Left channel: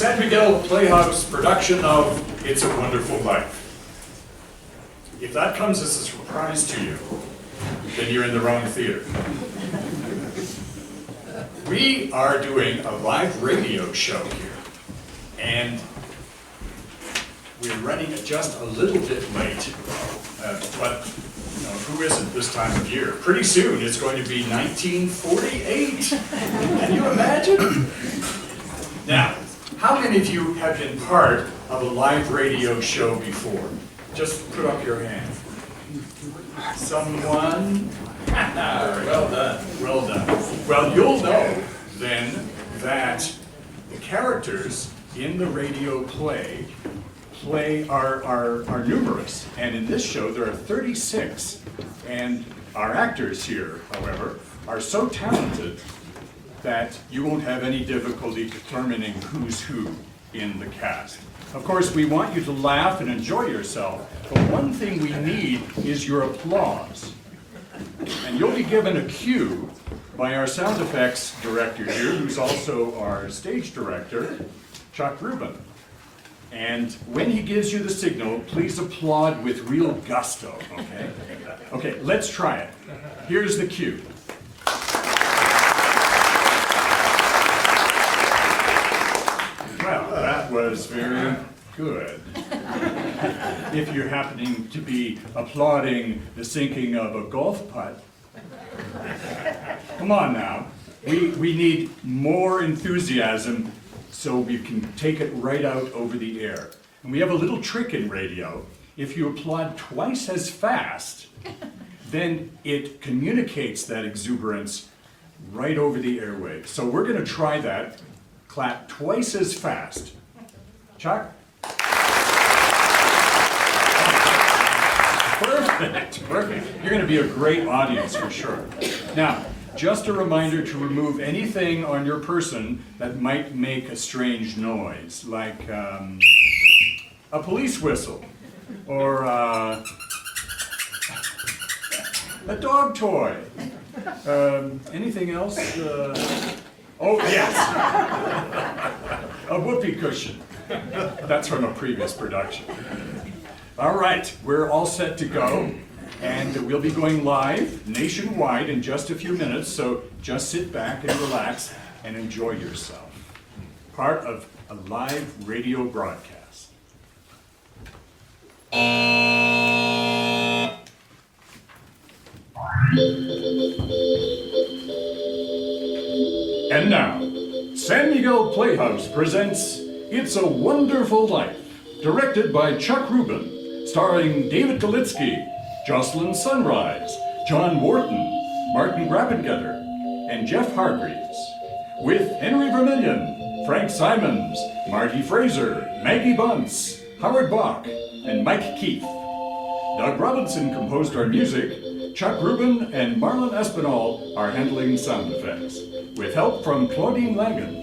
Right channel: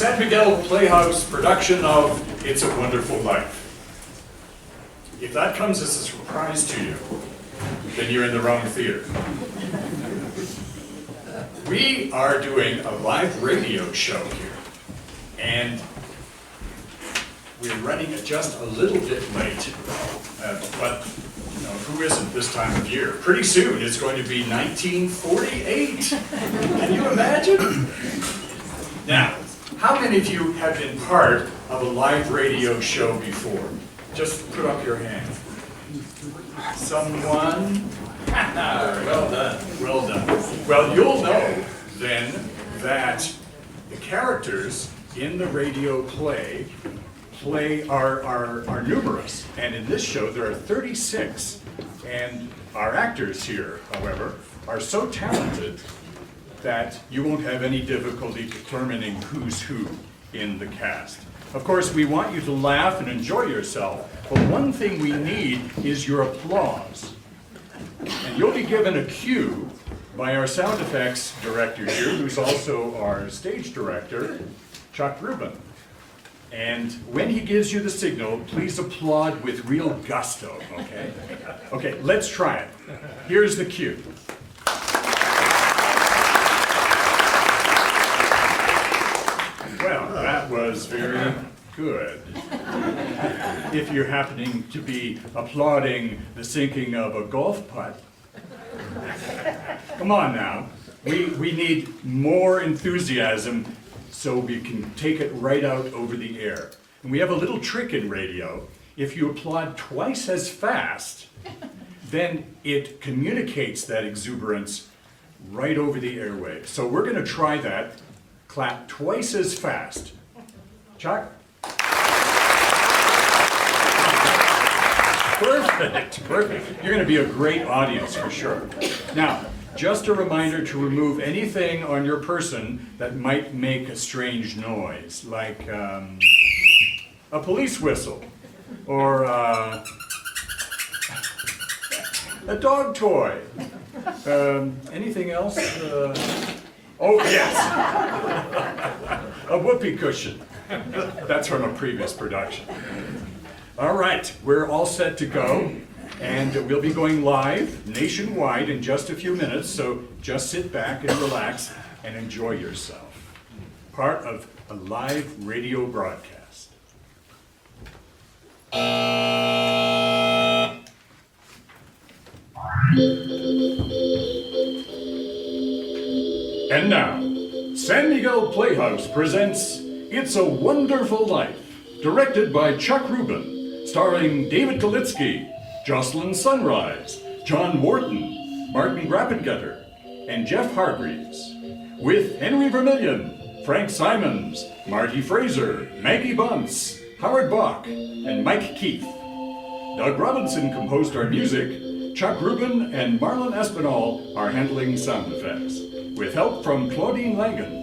San Miguel Playhouse production of It's a Wonderful Life. If that comes as a surprise to you, then you're in the wrong theater. We are doing a live radio show here, and we're running it just a little bit late, but you know, who isn't this time of year? Pretty soon it's going to be 1948. Can you imagine? Now, how many of you have been part of a live radio show before? Just put up your hand. Someone? Well done. Well done. Well, you'll know then that the characters in the radio play are numerous. And in this show, there are 36. And our actors here, however, are so talented that you won't have any difficulty determining who's who in the cast. Of course, we want you to laugh and enjoy yourself, but one thing we need is your applause. And you'll be given a cue by our sound effects director here, who's also our stage director, Chuck Rubin. And when he gives you the signal, please applaud with real gusto, okay? Okay, let's try it. Here's the cue. Well, that was very good. If you're happening to be applauding the sinking of a golf putt, come on now. We need more enthusiasm so we can take it right out over the air. And we have a little trick in radio. If you applaud twice as fast, then it communicates that exuberance right over the airwaves. So we're going to try that. Clap twice as fast. Chuck? Perfect, perfect. You're going to be a great audience for sure. Now, just a reminder to remove anything on your person that might make a strange noise, like a police whistle, or a dog toy. Anything else? Oh, yes! A whoopee cushion. That's from a previous production. All right, we're all set to go, and we'll be going live nationwide in just a few minutes, so just sit back and relax and enjoy yourself. Part of a live radio broadcast. And now, San Miguel Playhouse presents It's a Wonderful Life, directed by Chuck Rubin, starring David Kalitsky, Jocelyn Sunrise, John Wharton, Martin Grappengetter, and Jeff Hargreaves, with Henry Vermillion, Frank Simons, Marty Fraser, Maggie Bunce, Howard Bach, and Mike Keith. Doug Robinson composed our music. Chuck Rubin and Marlon Espinal are handling sound effects, with help from Claudine Langen.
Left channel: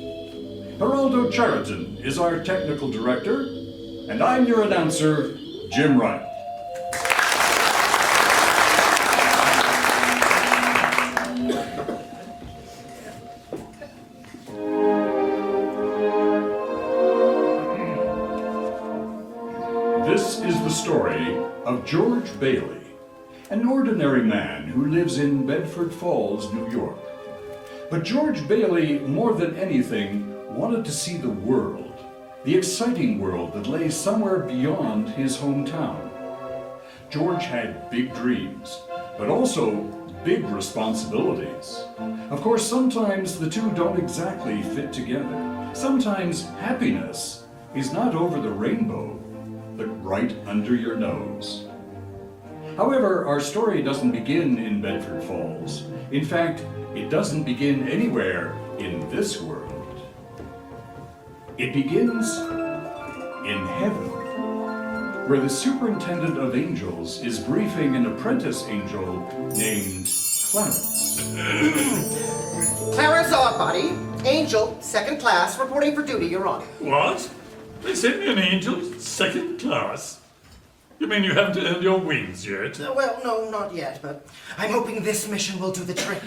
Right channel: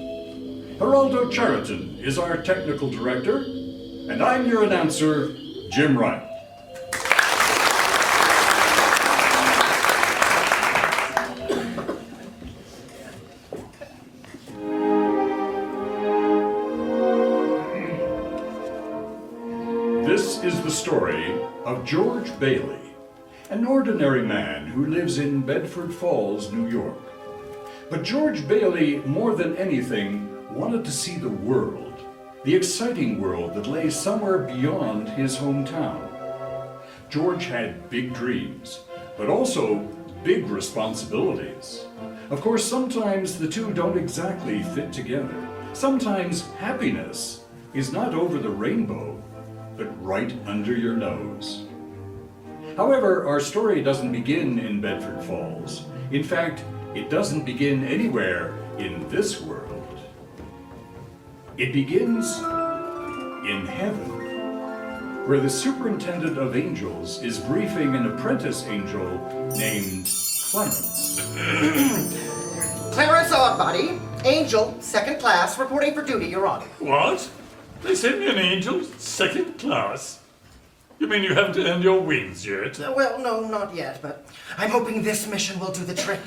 Geraldo Chariton is our technical director, and I'm your announcer, Jim Wright. This is the story of George Bailey, an ordinary man who lives in Bedford Falls, New York. But George Bailey, more than anything, wanted to see the world, the exciting world that lay somewhere beyond his hometown. George had big dreams, but also big responsibilities. Of course, sometimes the two don't exactly fit together. Sometimes happiness is not over the rainbow, but right under your nose. However, our story doesn't begin in Bedford Falls. In fact, it doesn't begin anywhere in this world. It begins in heaven, where the superintendent of angels is briefing an apprentice angel named Clarence. Clarence Oddbody, angel, second class, reporting for duty, Your Honor. What? They sent me an angel, second class? You mean you haven't earned your wings yet? Well, no, not yet, but I'm hoping this mission will do the trick.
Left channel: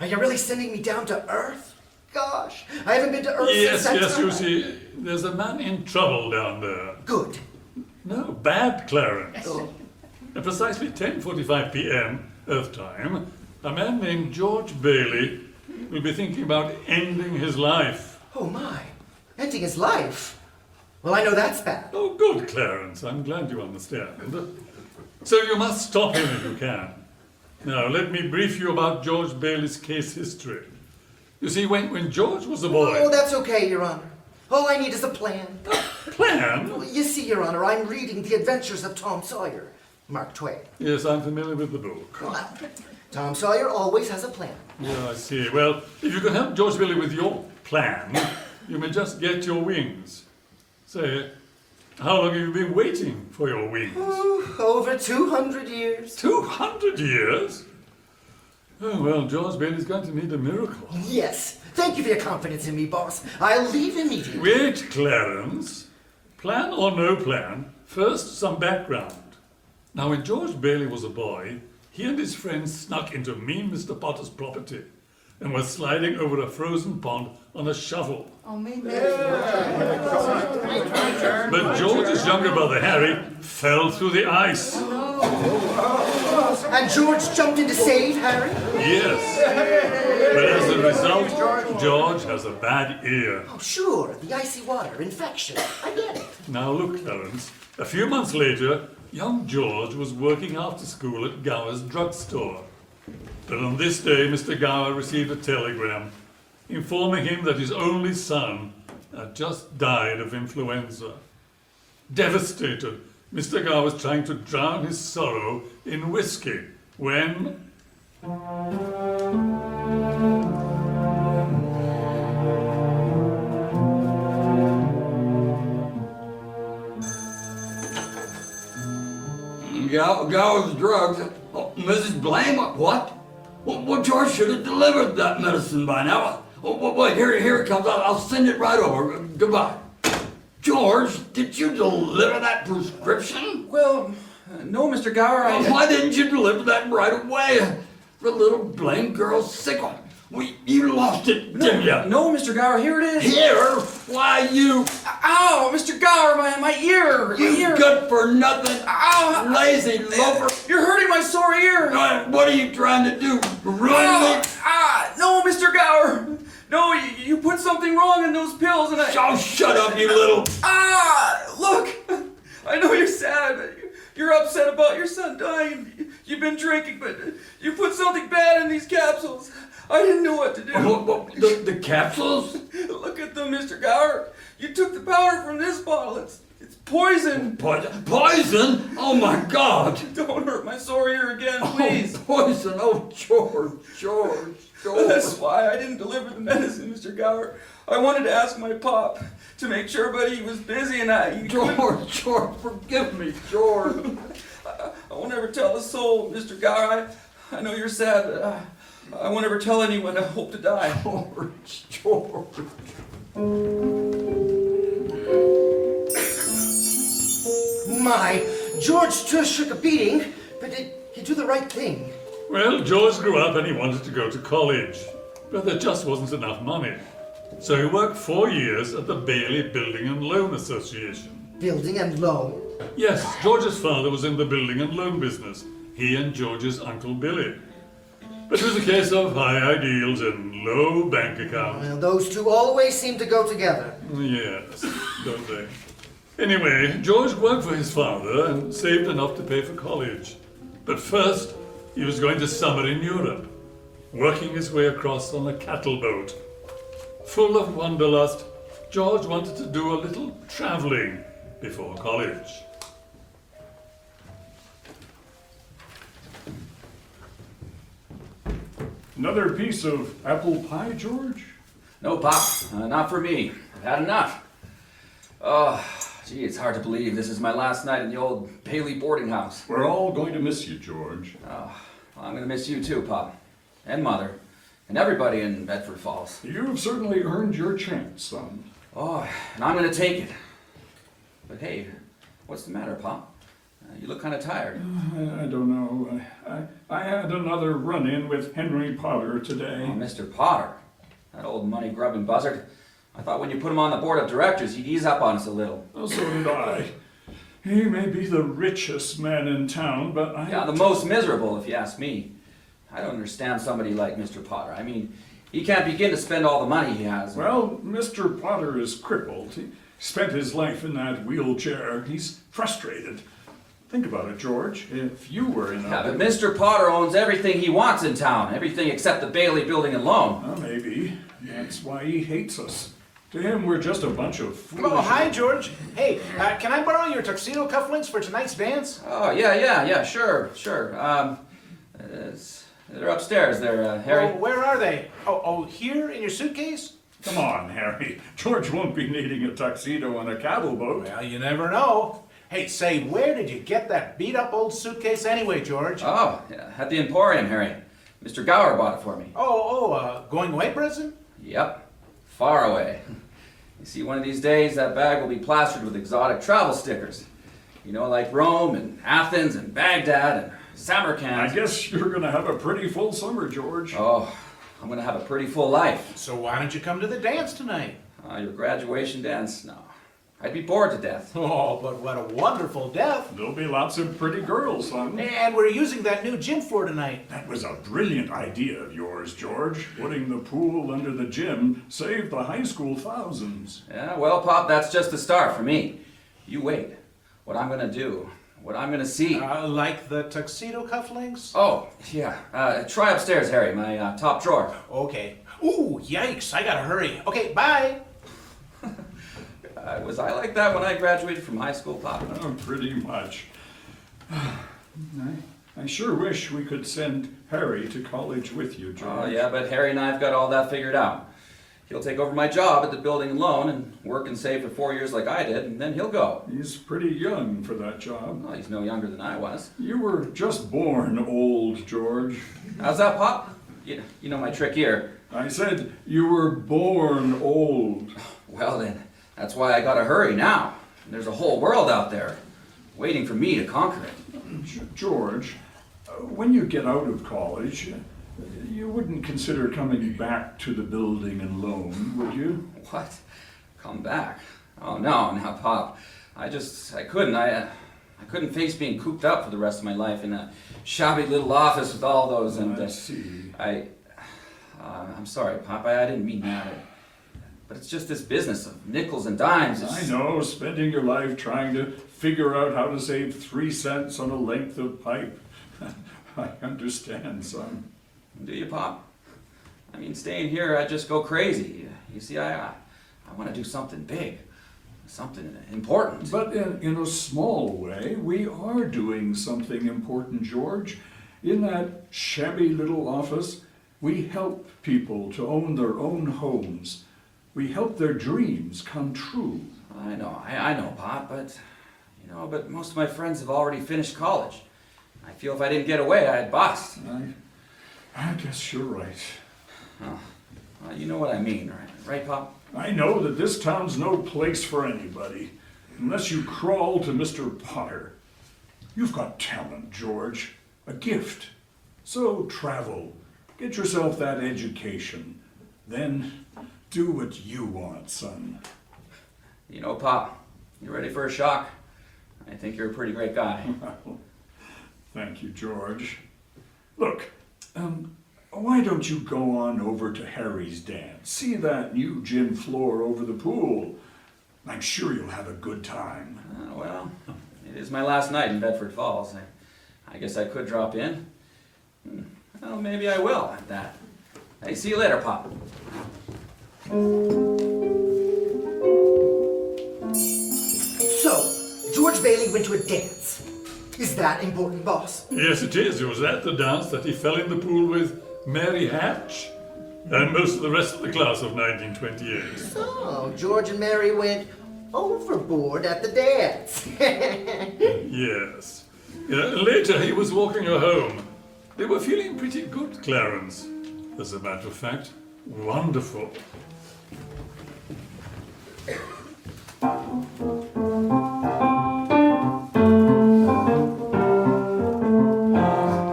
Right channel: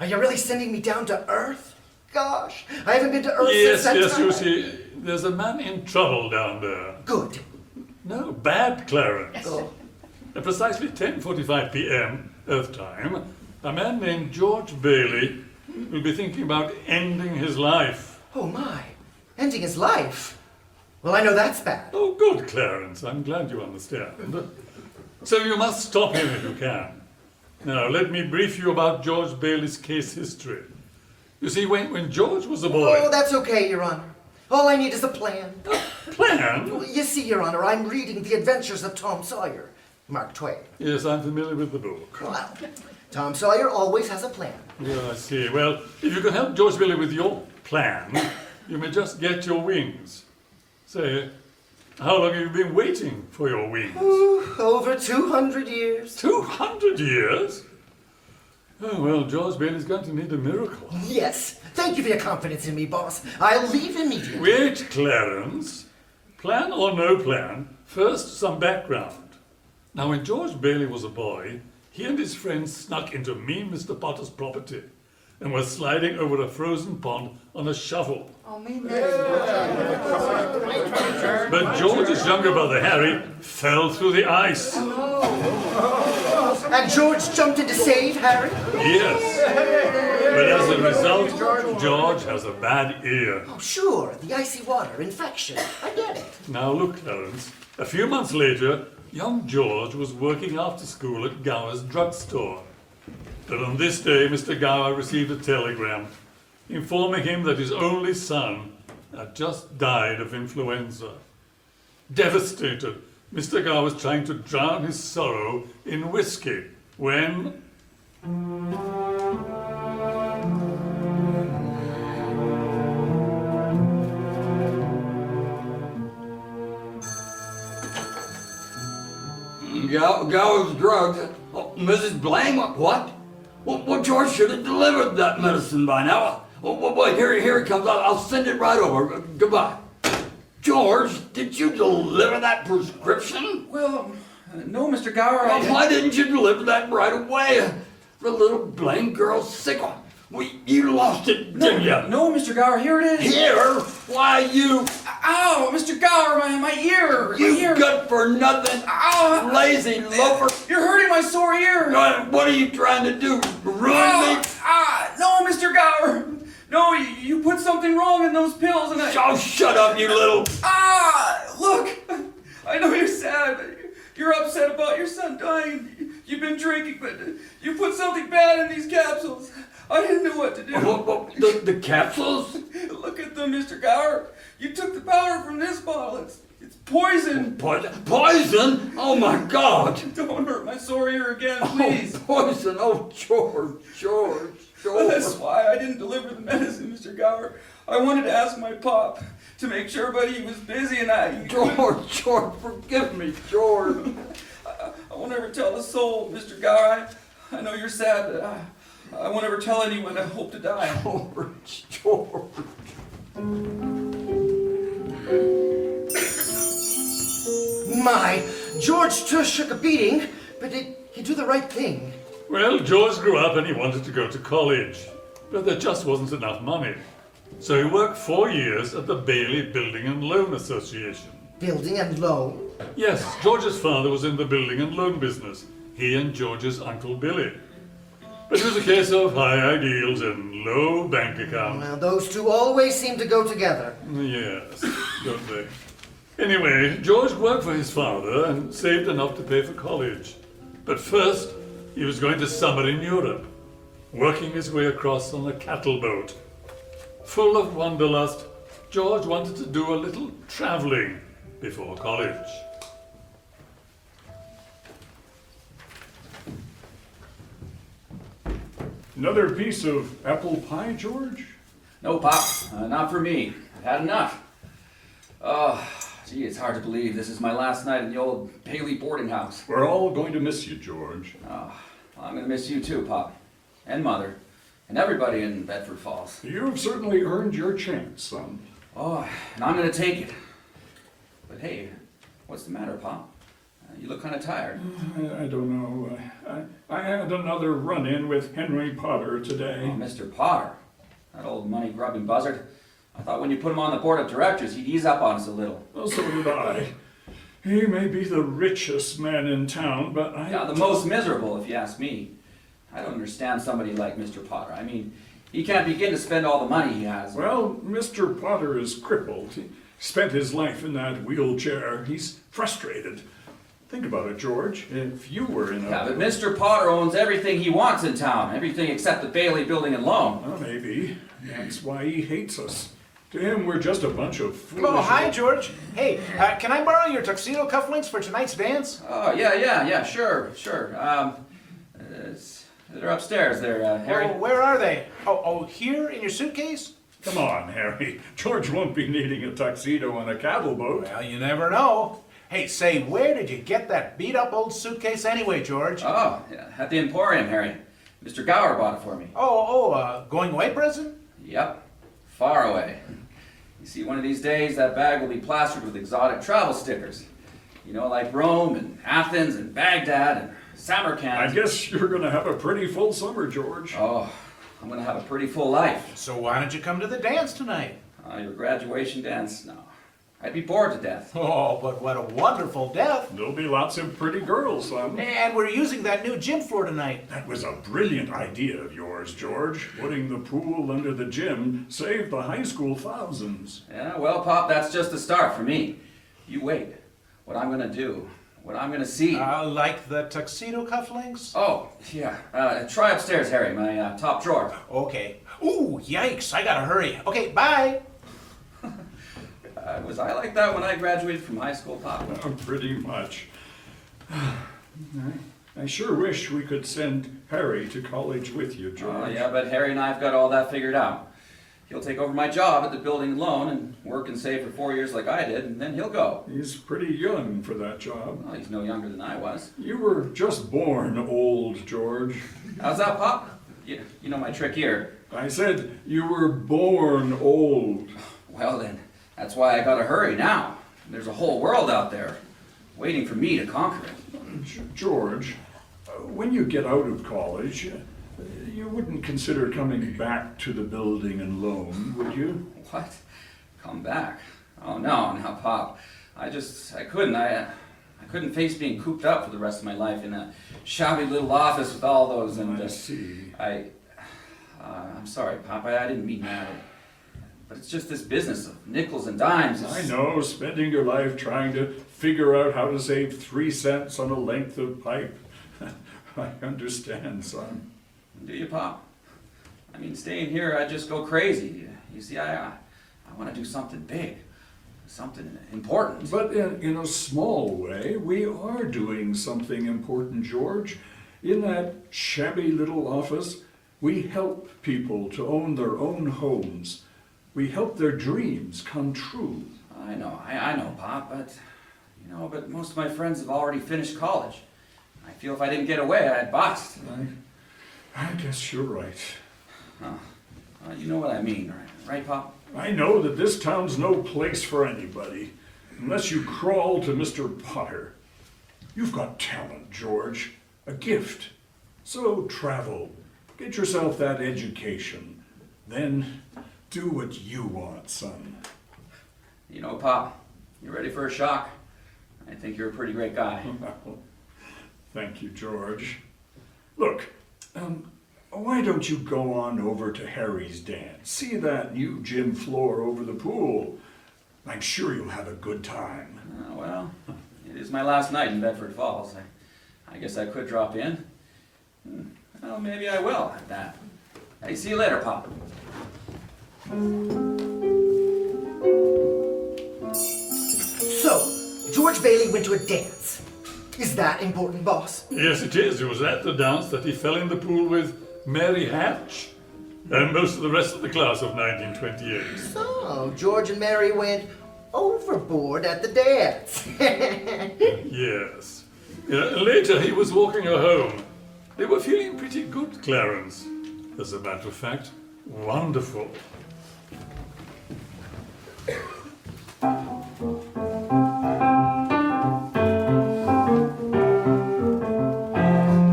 Are you really sending me down to Earth? gosh. I haven't been to Earth Yes, since that yes, time. you see, there's a man in trouble down there. Good. No, bad, Clarence. Oh. At precisely 10:45 p.m. Earth time, a man named George Bailey will be thinking about ending his life. Oh, my. Ending his life? Well, I know that's bad. Oh, good, Clarence. I'm glad you understand. So you must stop him if you can. Now, let me brief you about George Bailey's case history. You see, when George was a boy... Oh, that's okay, Your Honor. All I need is a plan. Plan? You see, Your Honor, I'm reading The Adventures of Tom Sawyer, Mark Twain. Yes, I'm familiar with the book. Well, Tom Sawyer always has a plan. Yeah, I see. Well, if you can help George Bailey with your plan, you may just get your wings. Say, how long have you been waiting for your wings? Ooh, over 200 years. 200 years? Oh, well, George Bailey's going to need a miracle. Yes. Thank you for your confidence in me, boss. I'll leave immediately. Wait, Clarence. Plan or no plan, first some background. Now, when George Bailey was a boy, he and his friends snuck into mean Mr. Potter's property and were sliding over a frozen pond on a shovel. But George's younger brother Harry fell through the ice. And George jumped in to save Harry? Yes. But as a result, George has a bad ear. Oh, sure. The icy water, infection. I get it. Now look, Clarence, a few months later, young George was working after school at Gower's drugstore. But on this day, Mr. Gower received a telegram informing him that his only son had just died of influenza. Devastated, Mr. Gower was trying to drown his sorrow in whiskey when... Gower's drugs. Oh, Mrs. Blame? What? Well, George should have delivered that medicine by now. Oh, wait, here it comes. I'll send it right over. Goodbye. George, did you deliver that prescription? Well, no, Mr. Gower. Why didn't you deliver that right away? The little blame girl's sick one. You lost it, didn't you? No, Mr. Gower, here it is. Here? Why, you... Ow, Mr. Gower, my ear. You my ear. good for nothing, Ow. lazy loafer. You're hurting my sore ear. What are you trying to do? Ruin me? No, Mr. Gower. No, you put something wrong in those pills and I... Oh, shut up, you little... Look. I know you're sad. You're upset about your son dying. You've been drinking, but you put something bad in these capsules. I didn't know what to do. What, the capsules? Look at them, Mr. Gower. You took the powder from this bottle. It's poison. Poison? Oh, my God. Don't hurt my sore ear again, please. Oh, poison. Oh, George. That's why I didn't deliver the medicine, Mr. Gower. I wanted to ask my pop to make sure, but he was busy and George, forgive me, George. I won't ever tell a soul, Mr. Gower. I know you're sad, but I won't ever tell anyone I hope to die. George. My, George took a beating, but he did the right thing. Well, George grew up and he wanted to go to college, but there just wasn't enough money. So he worked 4 years at the Bailey Building and Loan Association. Building and loan? Yes, George's father was in the building and loan business. He and George's Uncle Billy. But it was a case of high ideals and low bank account. Well, those two always seem to go together. Yes, don't they? Anyway, George worked for his father and saved enough to pay for college. But first, he was going to summer in Europe, working his way across on a cattle boat. Full of wanderlust, George wanted to do a little traveling before college. Another piece of apple pie, George? No, Pop, not for me. I've had enough. Oh, gee, it's hard to believe this is my last night in the old Bailey boarding house. We're all going to miss you, George. Oh, I'm going to miss you too, Pop. And Mother. And everybody in Bedford Falls. You've certainly earned your chance, son. Oh, and I'm going to take it. But hey, what's the matter, Pop? You look kind of tired. I don't know. I had another run-in with Henry Potter today. Oh, Mr. Potter. That old money-grubbing buzzard. I thought when you put him on the board of directors, he'd ease up on us a little. Oh, so did I. He may be the richest man in town, but Yeah, the most miserable, if you ask me. I don't understand somebody like Mr. Potter. I mean, he can't begin to spend all the money he has. Well, Mr. Potter is crippled. He spent his life in that wheelchair. He's frustrated. Think about it, George. If you were in a... Yeah, but Mr. Potter owns everything he wants in town. Everything except the Bailey building and loan. Well, maybe. That's why he hates us. To him, we're just a bunch of foolish... Oh, hi, George. Hey, can I borrow your tuxedo cufflinks for tonight's dance? Oh, yeah, sure. They're upstairs there, Harry. Oh, where are they? Oh, here in your suitcase? Come on, Harry. George won't be needing a tuxedo on a cattle boat. Well, you never know. Hey, say, where did you get that beat-up old suitcase anyway, George? Oh, yeah, at the Emporium, Harry. Mr. Gower bought it for me. Going away present? Yep, far away. You see, one of these days, that bag will be plastered with exotic travel stickers. You know, like Rome and Athens and Baghdad and Samarkand. I guess you're going to have a pretty full summer, George. Oh, I'm going to have a pretty full life. So why don't you come to the dance tonight? Your graduation dance? No. I'd be bored to death. Oh, but what a wonderful death. There'll be lots of pretty girls, son. And we're using that new gym floor tonight. That was a brilliant idea of yours, George. Putting the pool under the gym saved the high school thousands. Yeah, well, Pop, that's just the start for me. You wait. What I'm going to do. What I'm going to see. Like the tuxedo cufflinks? Oh, yeah. Try upstairs, Harry, my top drawer. Okay. Ooh, yikes, I gotta hurry. Okay, bye. Was I like that when I graduated from high school, Pop? Oh, pretty much. I sure wish we could send Harry to college with you, George. Oh, yeah, but Harry and I have got all that figured out. He'll take over my job at the building and loan and work and save for 4 years like I did, and then he'll go. He's pretty young for that job. Well, he's no younger than I was. You were just born old, George. How's that, Pop? You know my trick here. I said you were born old. Well, then, that's why I gotta hurry now. There's a whole world out there waiting for me to conquer it. George, when you get out of college, you wouldn't consider coming back to the building and loan, would you? What? Come back? Oh, no, now, Pop. I couldn't. I couldn't face being cooped up for the rest of my life in a shabby little office with all those and... I see. I'm sorry, Pop. I didn't mean that. But it's just this business of nickels and dimes. I know, spending your life trying to figure out how to save 3 cents on a length of pipe. I understand, son. Do you, Pop? I mean, staying here, I just go crazy. You see, I want to do something big, something important. But in a small way, we are doing something important, George. In that shabby little office, we help people to own their own homes. We help their dreams come true. I know, Pop, but most of my friends have already finished college. I feel if I didn't get away, I'd bust. I guess you're right. You know what I mean, right, Pop? I know that this town's no place for anybody, unless you crawl to Mr. Potter. You've got talent, George, a gift. So travel, get yourself that education, then do what you want, son. You know, Pop, you ready for a shock? I think you're a pretty great guy. Thank you, George. Look, why don't you go on over to Harry's dance? See that new gym floor over the pool. I'm sure you'll have a good time. Well, it is my last night in Bedford Falls. I guess I could drop in. Well, maybe I will at that. Hey, see you later, Pop. So, George Bailey went to a dance. Is that important, boss? Yes, it is. It was at the dance that he fell in the pool with Mary Hatch and most of the rest of the class of 1928. So, George and Mary went overboard at the dance. Yes. Later he was walking her home. They were feeling pretty good, Clarence. As a matter of fact, wonderful.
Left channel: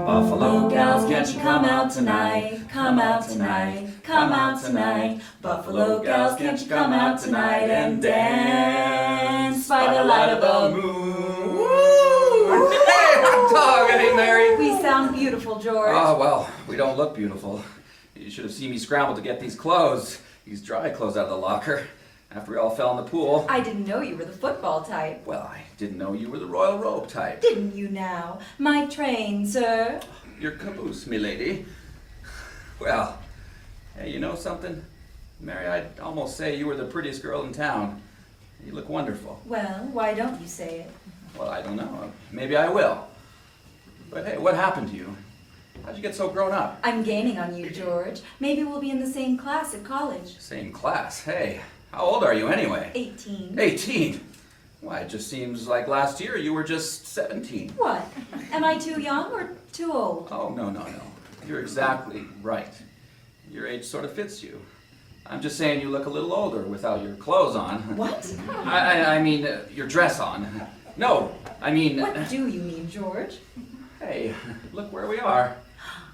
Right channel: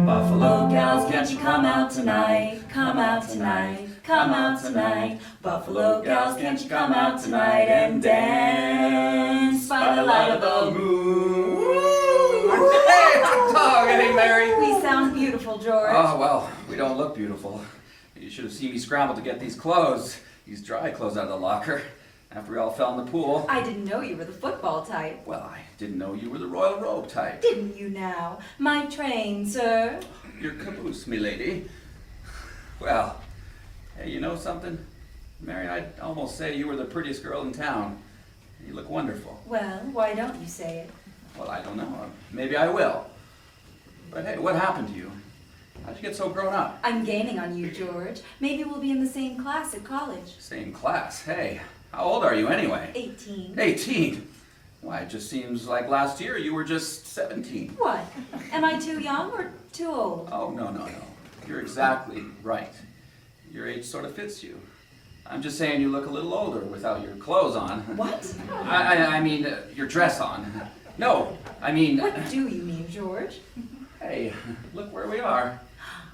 Buffalo gals, can't you come out tonight, come out tonight, come out tonight. Buffalo gals, can't you come out tonight and dance by the light of the moon? Hey, hot dog! Hey, Mary! We sound beautiful, George. Oh, well, we don't look beautiful. You should have seen me scramble to get these clothes, these dry clothes out of the locker, after we all fell in the pool. I didn't know you were the football type. Well, I didn't know you were the royal robe type. Didn't you now? My train, sir. Your caboose, milady. Well, hey, you know something? Mary, I'd almost say you were the prettiest girl in town. You look wonderful. Well, why don't you say it? Well, I don't know. Maybe I will. But hey, what happened to you? How'd you get so grown up? I'm gaining on you, George. Maybe we'll be in the same class at college. Same class. Hey, how old are you anyway? 18. 18? Why, it just seems like last year you were just 17. What? Am I too young or too old? Oh, no. You're exactly right. Your age sort of fits you. I'm just saying you look a little older without your clothes on. What? I mean, your dress on. No, I mean... What do you mean, George? Hey, look where we are.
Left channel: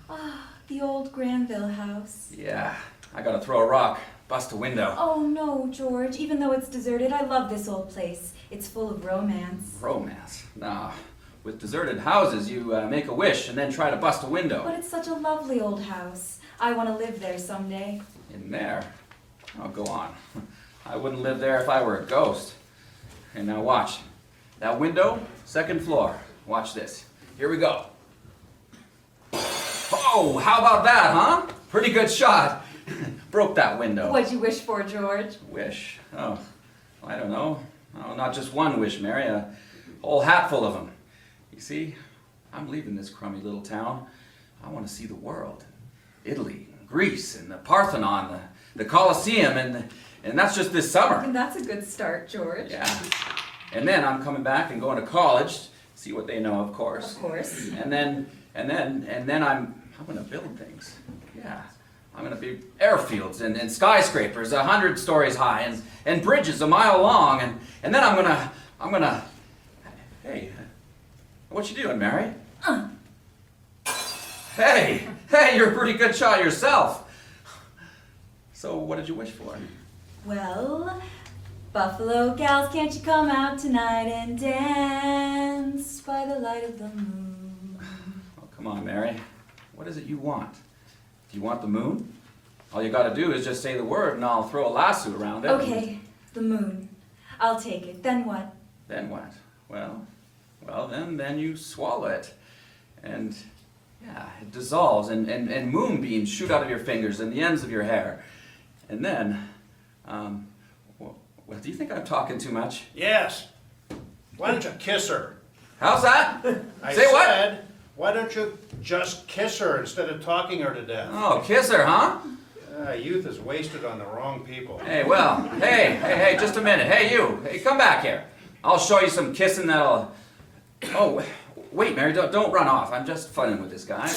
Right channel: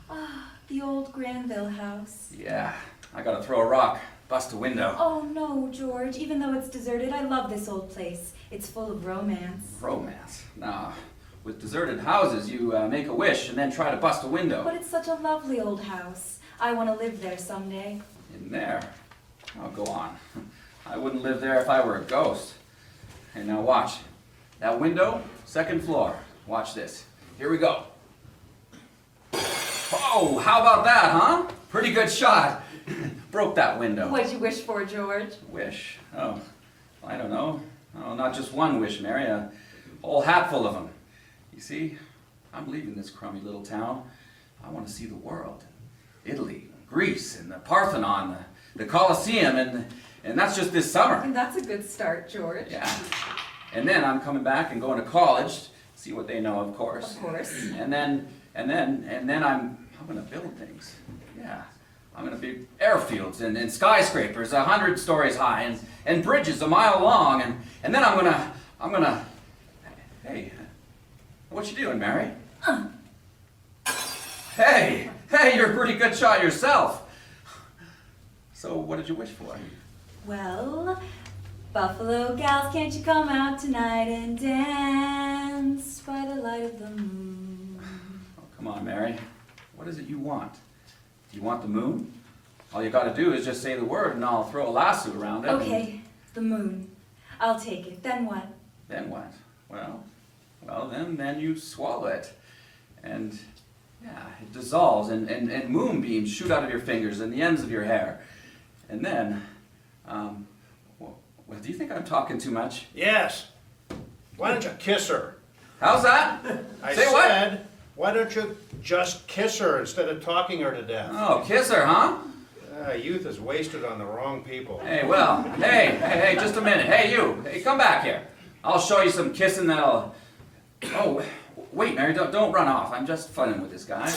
Ah, the old Granville house. Yeah, I gotta throw a rock, bust a window. Oh no, George. Even though it's deserted, I love this old place. It's full of romance. Romance? Nah. With deserted houses, you make a wish and then try to bust a window. But it's such a lovely old house. I want to live there someday. In there? Oh, go on. I wouldn't live there if I were a ghost. Hey, now watch. That window, second floor. Watch this. Here we go. Oh, how about that, huh? Pretty good shot. Broke that window. What'd you wish for, George? Wish? Oh, I don't know. Oh, not just one wish, Mary. A whole hatful of them. You see, I'm leaving this crummy little town. I want to see the world. Italy, Greece, and the Parthenon, the Colosseum, and that's just this summer. And that's a good start, George. Yeah. And then I'm coming back and going to college, see what they know, of course. Of course. And then I'm gonna build things. Yeah. I'm gonna be airfields and skyscrapers 100 stories high and bridges a mile long and then I'm gonna hey, what you doing, Mary? Hey, you're a pretty good shot yourself. So what did you wish for? Well, Buffalo gals, can't you come out tonight and dance by the light of the moon? Oh, come on, Mary. What is it you want? Do you want the moon? All you gotta do is just say the word and I'll throw a lasso around it. Okay, the moon. I'll take it. Then what? Then what? Well, then you swallow it. And, yeah, it dissolves and moonbeams shoot out of your fingers and the ends of your hair. And then, well, do you think I'm talking too much? Yes. Why don't you kiss her? How's that? I Say what? said, why don't you just kiss her instead of talking her to death? Oh, kiss her, huh? Youth is wasted on the wrong people. Hey, well, hey, just a minute. Hey, you. Hey, come back here. I'll show you some kissing that'll... Oh, wait, Mary, don't run off. I'm just funning with this guy.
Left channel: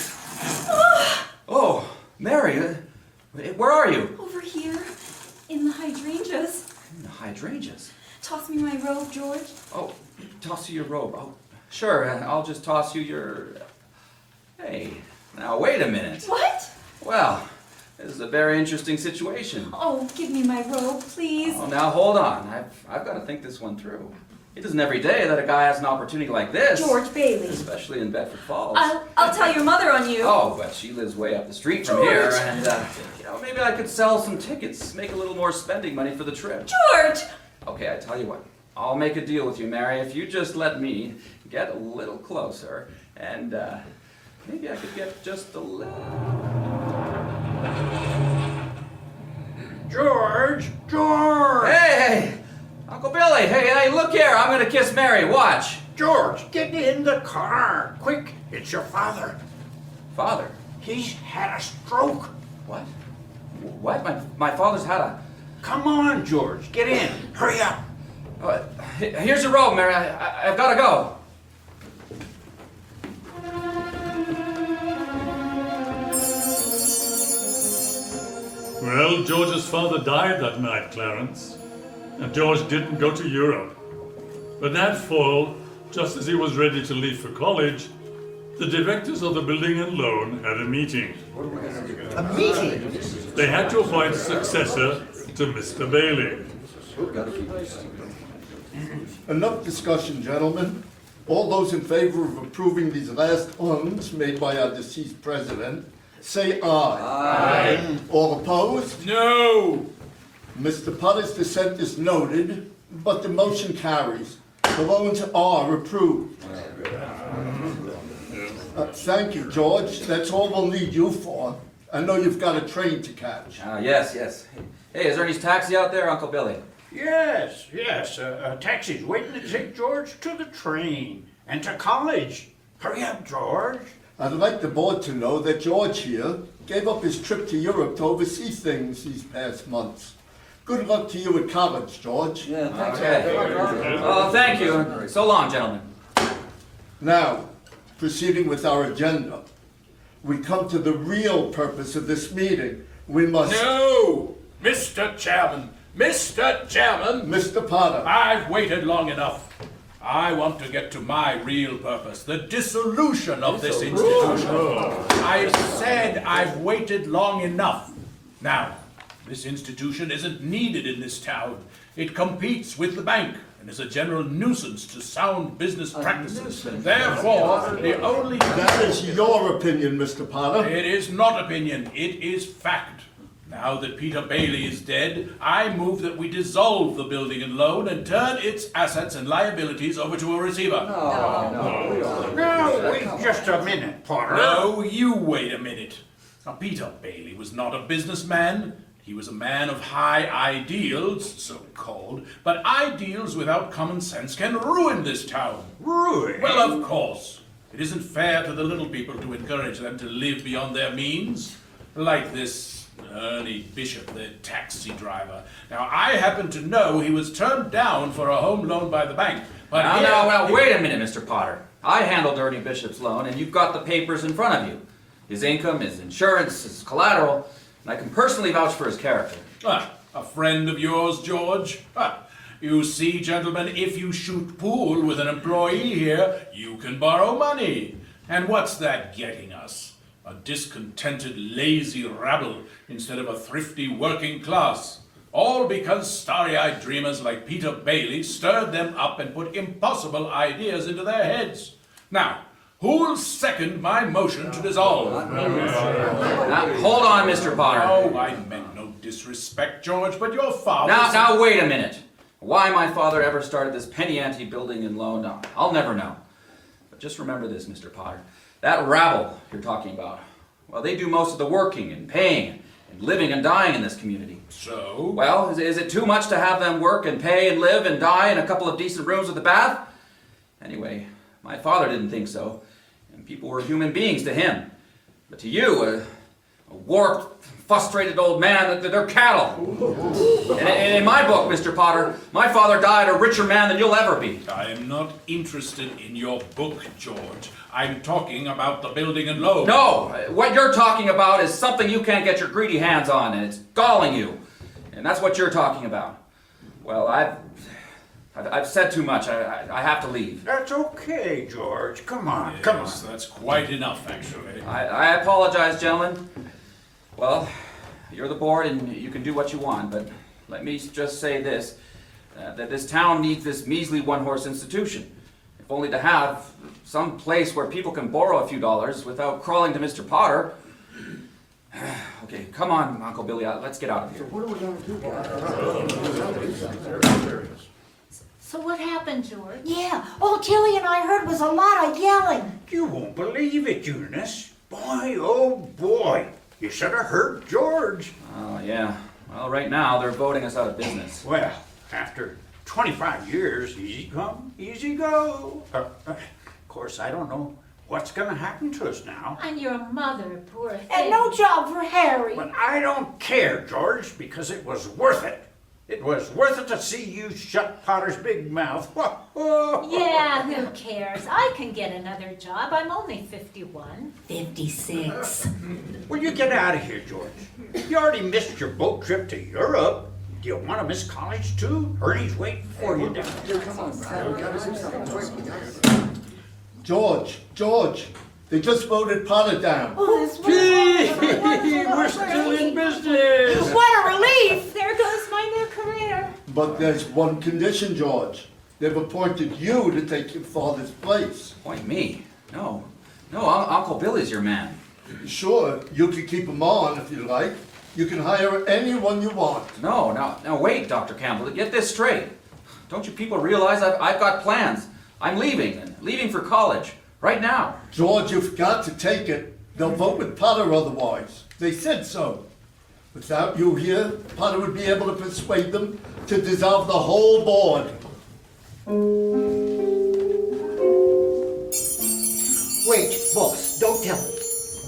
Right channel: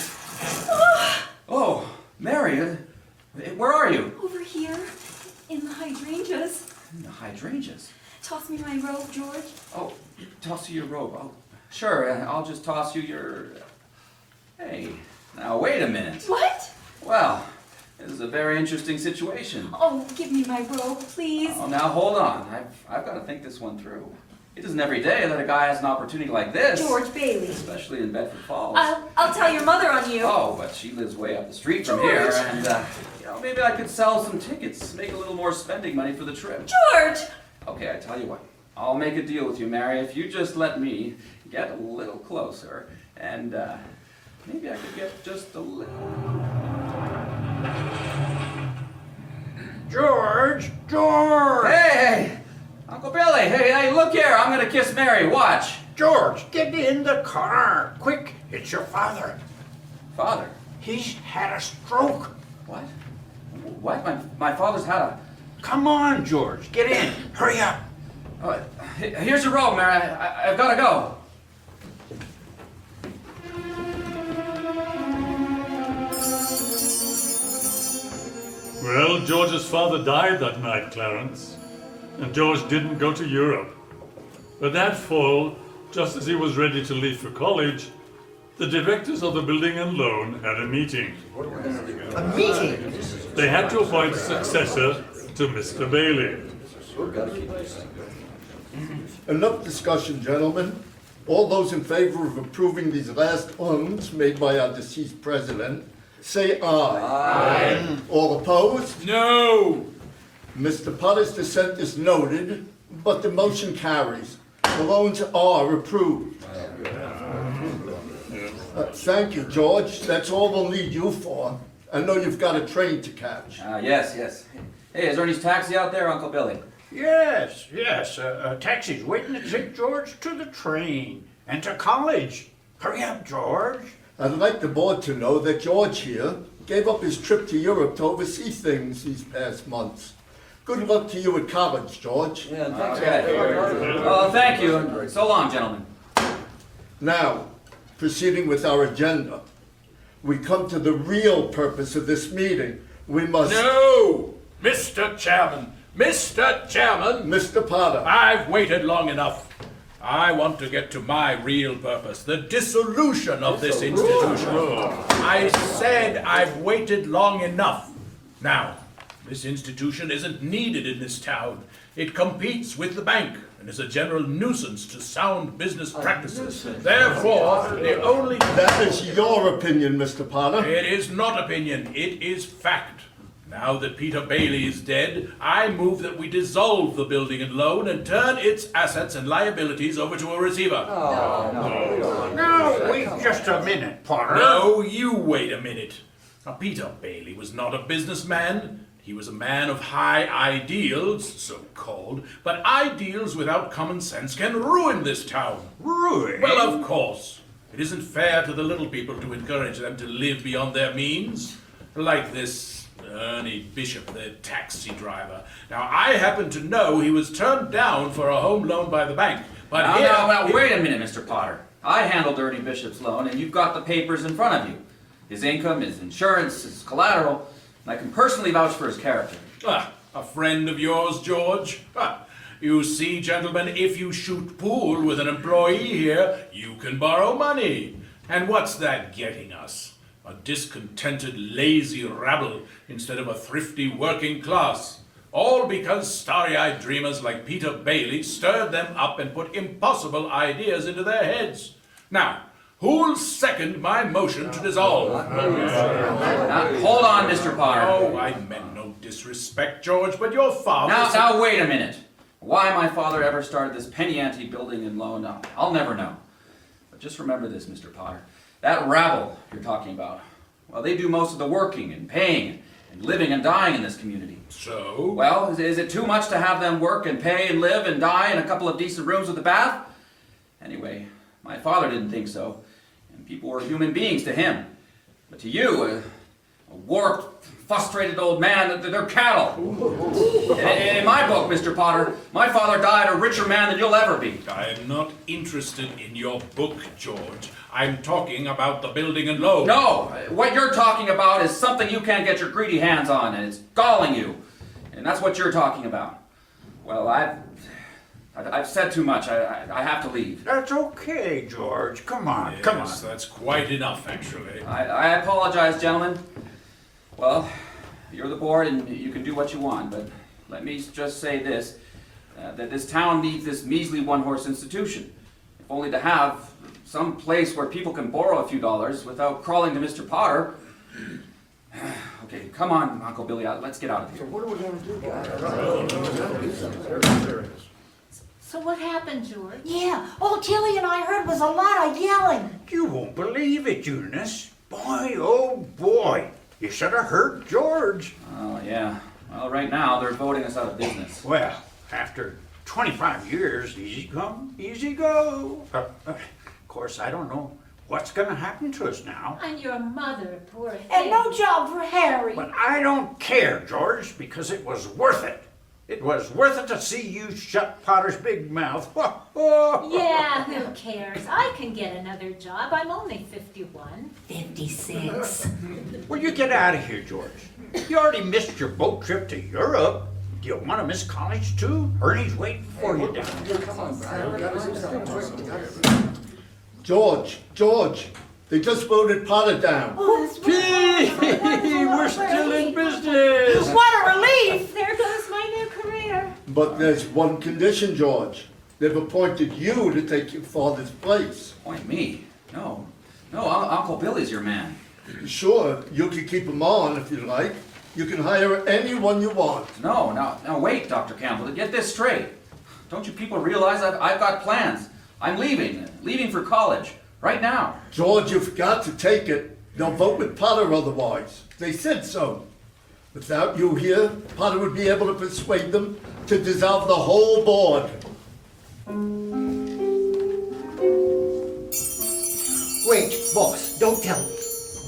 Oh, Mary, where are you? Over here, in the hydrangeas. In the hydrangeas. Toss me my robe, George. Oh, toss you your robe. Oh, sure, I'll just toss you your... Hey, now wait a minute. What? Well, this is a very interesting situation. Oh, give me my robe, please. Oh, now hold on. I've got to think this one through. It isn't every day that a guy has an opportunity like this. George Bailey. Especially in Bedford Falls. I'll tell your mother on you. Oh, but she lives way up the street from George. here, and maybe I could sell some tickets, make a little more spending money for the trip. George! Okay, I tell you what. I'll make a deal with you, Mary, if you just let me get a little closer, and maybe I could get just a little... George! Hey! Uncle Billy, hey, look here. I'm gonna kiss Mary. Watch. George, get in the car. Quick, it's your father. Father? He's had a stroke. What? What? My father's had a... Come on, George, get in. Hurry up. Oh, here's your robe, Mary. I've gotta go. Well, George's father died that night, Clarence, and George didn't go to Europe. But that fall, just as he was ready to leave for college, the directors of the building and loan had a meeting. A meeting? They had to appoint a successor to Mr. Bailey. Enough discussion, gentlemen. All those in favor of approving these last funds made by our deceased president, say aye. Aye. All opposed? No! Mr. Potter's dissent is noted, but the motion carries. The loans are approved. Thank you, George. That's all we'll need you for. I know you've got a train to catch. Yes, yes. Hey, is Ernie's taxi out there, Uncle Billy? Yes, yes. A taxi's waiting to take George to the train and to college. Hurry up, George. I'd like the board to know that George here gave up his trip to Europe to oversee things these past months. Good luck to you at college, George. Yeah, thanks. Okay. Well, thank you. So long, gentlemen. Now, proceeding with our agenda, we come to the real purpose of this meeting. We must... No! Mr. Chairman! Mr. Chairman! Mr. Potter. I've waited long enough. I want to get to my real purpose, the dissolution of this institution. I said I've waited long enough. Now, this institution isn't needed in this town. It competes with the bank and is a general nuisance to sound business practices. Therefore, the only... That is your opinion, Mr. Potter. It is not opinion, it is fact. Now that Peter Bailey is dead, I move that we dissolve the building and loan and turn its assets and liabilities over to a receiver. No, wait just a minute, Potter. No, you wait a minute. Now, Peter Bailey was not a businessman. He was a man of high ideals, so-called, but ideals without common sense can ruin this town. Ruin? Well, of course. It isn't fair to the little people to encourage them to live beyond their means. Like this Ernie Bishop, the taxi driver. Now, I happen to know he was turned down for a home loan by the bank. But Now, wait a minute, Mr. Potter. I handled Ernie Bishop's loan, and you've got the papers in front of you. His income, his insurance, his collateral, and I can personally vouch for his character. A friend of yours, George? You see, gentlemen, if you shoot pool with an employee here, you can borrow money. And what's that getting us? A discontented, lazy rabble instead of a thrifty working class. All because starry-eyed dreamers like Peter Bailey stirred them up and put impossible ideas into their heads. Now, who'll second my motion to dissolve? Now, hold on, Mr. Potter. Oh, I meant no disrespect, George, but your father... Now, wait a minute. Why my father ever started this penny ante building and loan, I'll never know. But just remember this, Mr. Potter. That rabble you're talking about, well, they do most of the working and paying and living and dying in this community. So? Well, is it too much to have them work and pay and live and die in a couple of decent rooms with a bath? Anyway, my father didn't think so. And people were human beings to him. But to you, a warped, frustrated old man, they're cattle. In my book, Mr. Potter, my father died a richer man than you'll ever be. I am not interested in your book, George. I'm talking about the building and loan. No, what you're talking about is something you can't get your greedy hands on, and it's galling you. And that's what you're talking about. Well, I've said too much. I have to leave. That's okay, George. Come on, Yes, come on. that's quite enough, actually. I apologize, gentlemen. Well, you're the board and you can do what you want, but let me just say this, that this town needs this measly one-horse institution. If only to have some place where people can borrow a few dollars without crawling to Mr. Potter. Okay, come on, Uncle Billy, let's get out of here. So what happened, George? Yeah, all Tilly and I heard was a lot of yelling. You won't believe it, Eunice. Boy, oh boy. You should have heard George. Oh, yeah. Well, right now, they're voting us out of business. Well, after 25 years, easy come, easy go. Of course, I don't know what's going to happen to us now. And your mother, poor thing. And no job for Harry. But I don't care, George, because it was worth it. It was worth it to see you shut Potter's big mouth. Yeah, who cares? I can get another job. I'm only 51. 56. Will you get out of here, George? You already missed your boat trip to Europe. Do you want to miss college, too? Ernie's waiting for you down there. George, He just voted Potter down. Oh, We're still in business. what a relief! There goes my new career. But there's one condition, George. They've appointed you to take your father's place. Point me. No, Uncle Billy's your man. Sure, you can keep him on if you like. You can hire anyone you want. No, now wait, Dr. Campbell, get this straight. Don't you people realize I've got plans? I'm leaving for college, right now. George, you've got to take it. They'll vote with Potter otherwise. They said so. Without you here, Potter would be able to persuade them to dissolve the whole board. Wait, boss, don't tell me.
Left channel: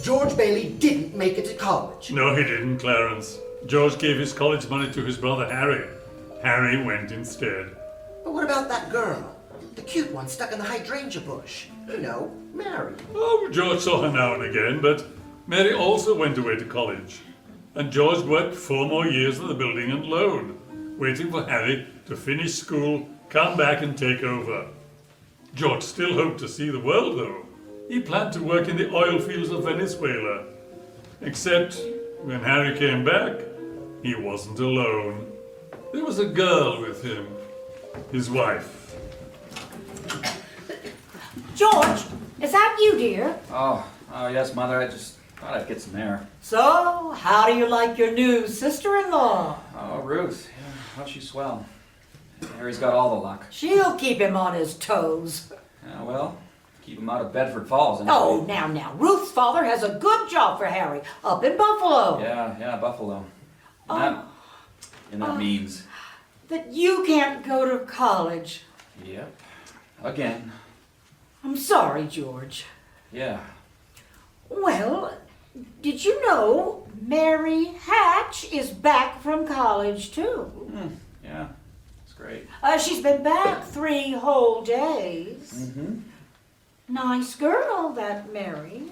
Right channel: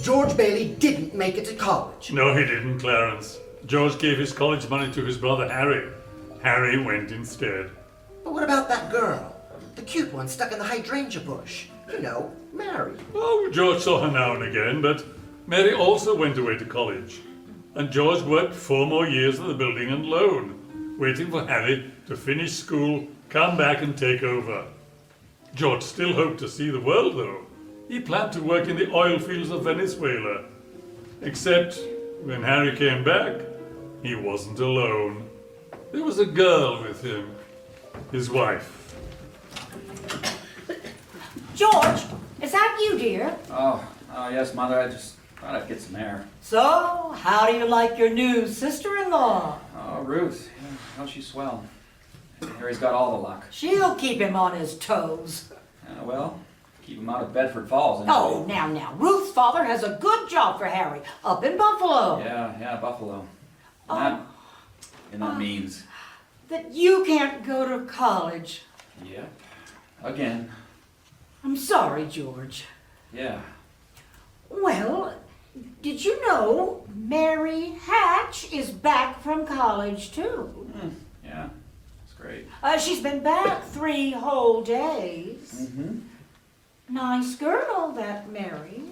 George Bailey didn't make it to college. No, he didn't, Clarence. George gave his college money to his brother Harry. Harry went instead. But what about that girl? The cute one stuck in the hydrangea bush. You know, Mary. Oh, George saw her now and again, but Mary also went away to college. And George worked 4 more years at the building and loan, waiting for Harry to finish school, come back and take over. George still hoped to see the world, though. He planned to work in the oil fields of Venezuela. Except when Harry came back, he wasn't alone. There was a girl with him, his wife. George, is that you, dear? Oh, yes, Mother, I just thought I'd get some air. So, how do you like your new sister-in-law? Oh, Ruth, yeah, how's she swell? Harry's got all the luck. She'll keep him on his toes. Well, keep him out of Bedford Falls. Anyway. Oh, now. Ruth's father has a good job for Harry up in Buffalo. Yeah, Buffalo. And that means... That you can't go to college. Yep. Again. I'm sorry, George. Yeah. Well, did you know Mary Hatch is back from college, too? Yeah, it's great. She's been back 3 whole days. Mm-hmm. Nice girl, that Mary.